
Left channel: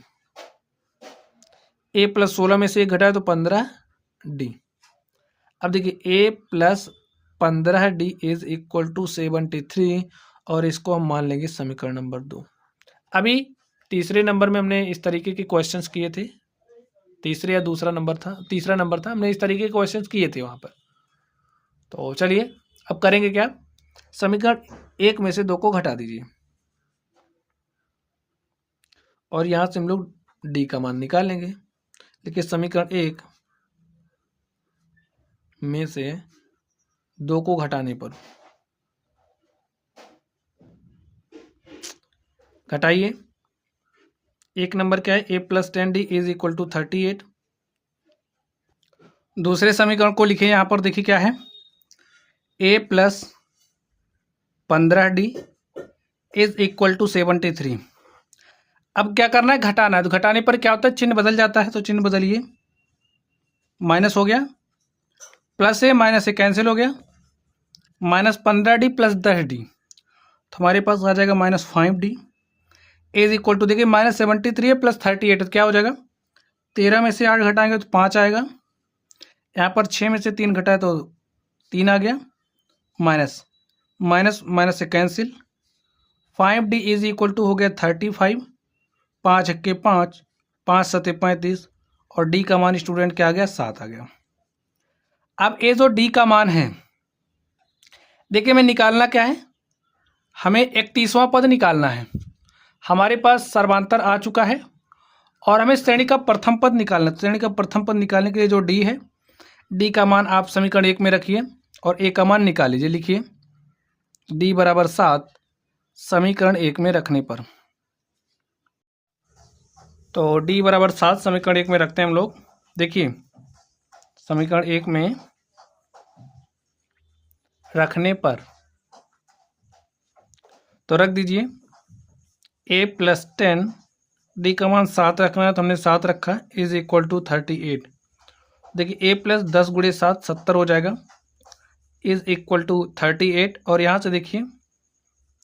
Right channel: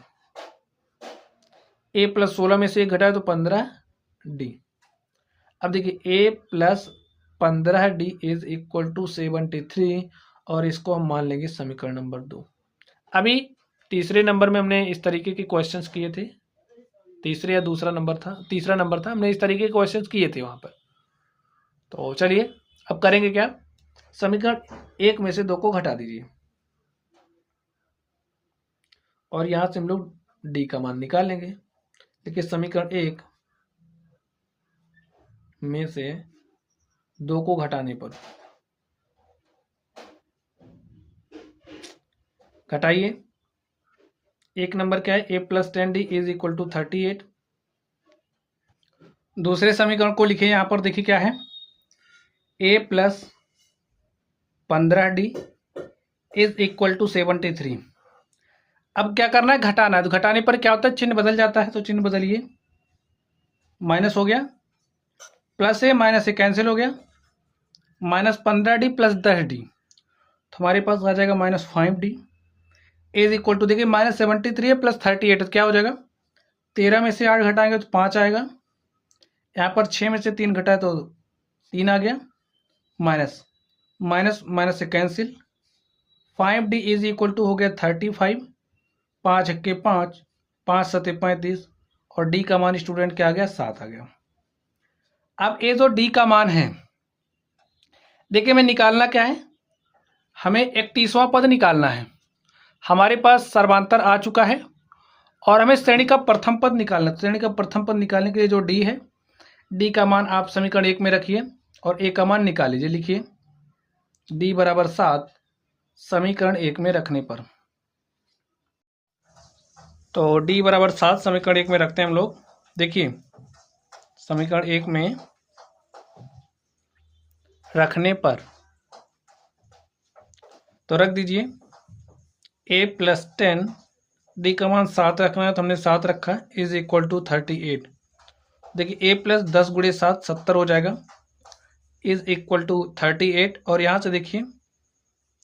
a + 16 में से 1 घटाए तो 15d। अब देखिए a + 15d is equal to 73, और इसको हम मान लेंगे समीकरण नंबर 2। अभी तीसरे नंबर में हमने इस तरीके के क्वेश्चंस किए थे, तीसरे या दूसरा नंबर था, तीसरा नंबर था, हमने इस तरीके के क्वेश्चंस किए थे वहाँ पर। तो चलिए अब करेंगे क्या, समीकरण 1 में से 2 को घटा दीजिए, और यहाँ से हम लोग d का मान निकाल लेंगे। देखिए समीकरण 1 में से 2 को घटाने पर, घटाइए। एक नंबर क्या है, a + 10d is equal to 38। दूसरे समीकरण को लिखिए, यहाँ पर देखिए क्या है, a + 15d is equal to 73। अब क्या करना है, घटाना है। तो घटाने पर क्या होता है, चिन्ह बदल जाता है, तो चिन्ह बदलिए, माइनस हो गया, प्लस है, माइनस से कैंसिल हो गया, -15d + 10d, तो हमारे पास आ जाएगा -5d इज इक्वल टू, देखिए -73 है + 38, तो क्या हो जाएगा, 13 में से 8 घटाएंगे तो 5 आएगा। यहाँ पर 6 में से 3 घटाए तो 3 आ गया, माइनस माइनस माइनस से cancel, 5d is equal to हो गया 35, 5 × 5, 5 × 7 = 35, और d का मान स्टूडेंट क्या आ गया, 7 आ गया। अब ये जो d का मान है, देखिए हमें निकालना क्या है, हमें 31वां पद निकालना है। हमारे पास सर्वांतर आ चुका है, और हमें श्रेणी का प्रथम पद निकालना है। श्रेणी का प्रथम पद निकालने के लिए जो d है, d का मान आप समीकरण 1 में रखिए और a का मान निकाल लीजिए। लिखिए डी बराबर 7 समीकरण 1 में रखने पर। तो डी बराबर 7 समीकरण 1 में रखते हैं हम लोग। देखिए समीकरण 1 में रखने पर तो रख दीजिए a + 10, डी का मान 7 रखना है तो हमने 7 रखा, इज इक्वल टू 38। देखिए a + 10 × 7 70 हो जाएगा, इज इक्वल टू 38। और यहाँ से देखिए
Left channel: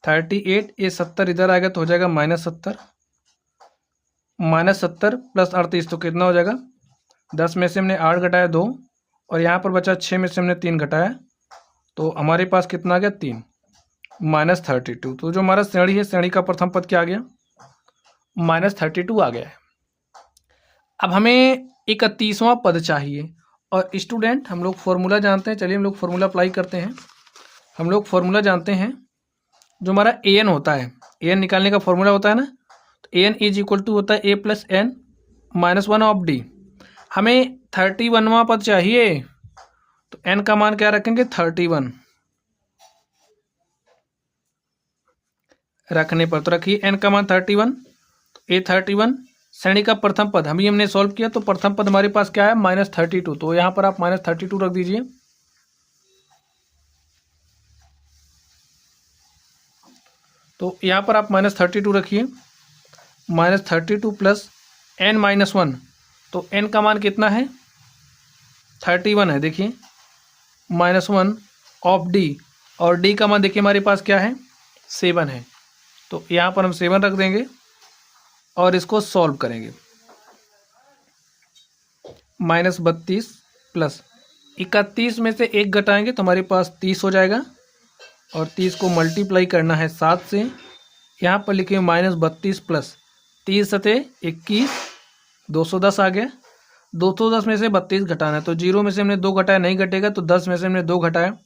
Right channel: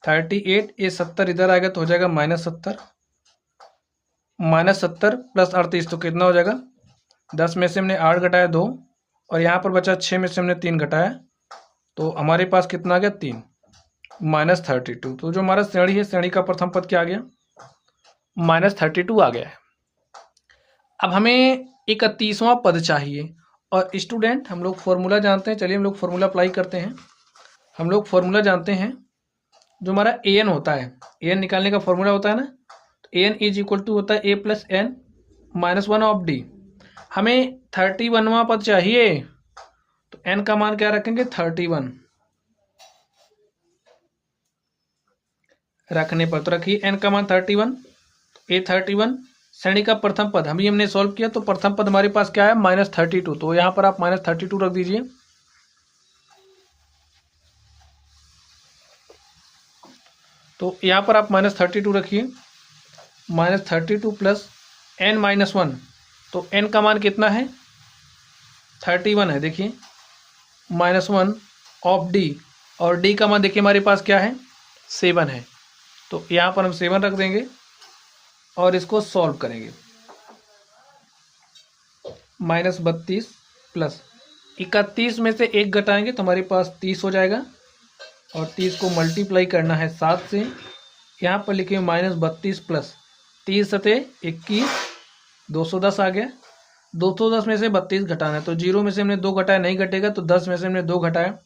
38 ये 70 इधर आएगा तो हो जाएगा -70, -70 + 38 तो कितना हो जाएगा, 10 में से हमने 8 घटाया 2 और यहाँ पर बचा 6 में से हमने 3 घटाया तो हमारे पास कितना आ गया 3, -32। तो जो हमारा श्रेणी है, श्रेणी का प्रथम पद क्या आ गया, -32 आ गया है। अब हमें 31वां पद चाहिए और स्टूडेंट हम लोग फॉर्मूला जानते हैं, चलिए हम लोग फॉर्मूला अप्लाई करते हैं। हम लोग फॉर्मूला जानते हैं, जो हमारा an होता है, an निकालने का फॉर्मूला होता है ना, तो an इज इक्वल टू होता है a + n - 1 ऑफ d। हमें 31वां पद चाहिए तो n का मान क्या रखेंगे, 31 रखने पर। तो रखिए n का मान 31, a 31 श्रेणी का प्रथम पद हमने सॉल्व किया तो प्रथम पद हमारे पास क्या है, -32। तो यहाँ पर आप -32 रख दीजिए। तो यहाँ पर आप -32 रखिए, -32 + n - 1, तो n का मान कितना है, 31 है। देखिए -1 ऑफ d और d का मान देखिए हमारे पास क्या है, 7 है। तो यहाँ पर हम 7 रख देंगे और इसको सॉल्व करेंगे। -32 + 31 में से 1 घटाएंगे तो हमारे पास 30 हो जाएगा और 30 को मल्टीप्लाई करना है 7 से। यहाँ पर लिखिए -32 + 30 × 21 210 आ गया। 210 में से 32 घटाना है तो 0 में से हमने 2 घटाया, नहीं घटेगा तो 10 में से हमने 2 घटाया,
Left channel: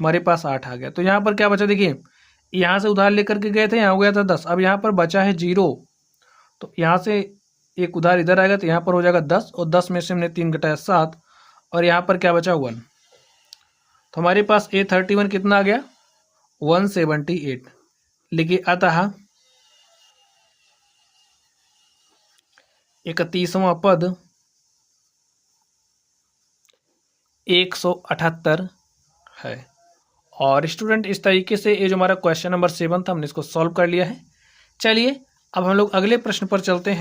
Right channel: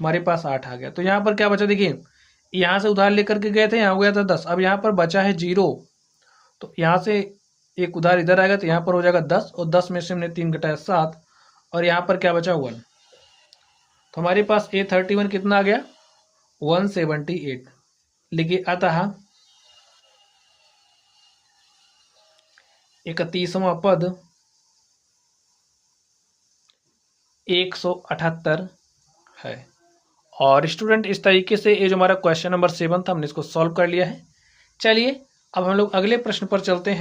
हमारे पास 8 आ गया। तो यहाँ पर क्या बचा, देखिए यहाँ से उधार लेकर के गए थे, यहाँ हो गया था 10, अब यहाँ पर बचा है 0, तो यहाँ से एक उधार इधर आएगा तो यहाँ पर हो जाएगा 10 और 10 में से हमने 3 घटाया 7 और यहाँ पर क्या बचा 1। तो हमारे पास A31 कितना आ गया, 178। लिखिए अतः 31वां पद 178 है। और स्टूडेंट इस तरीके से ये जो हमारा क्वेश्चन नंबर 7 था हमने इसको सॉल्व कर लिया है। चलिए अब हम लोग अगले प्रश्न पर चलते हैं।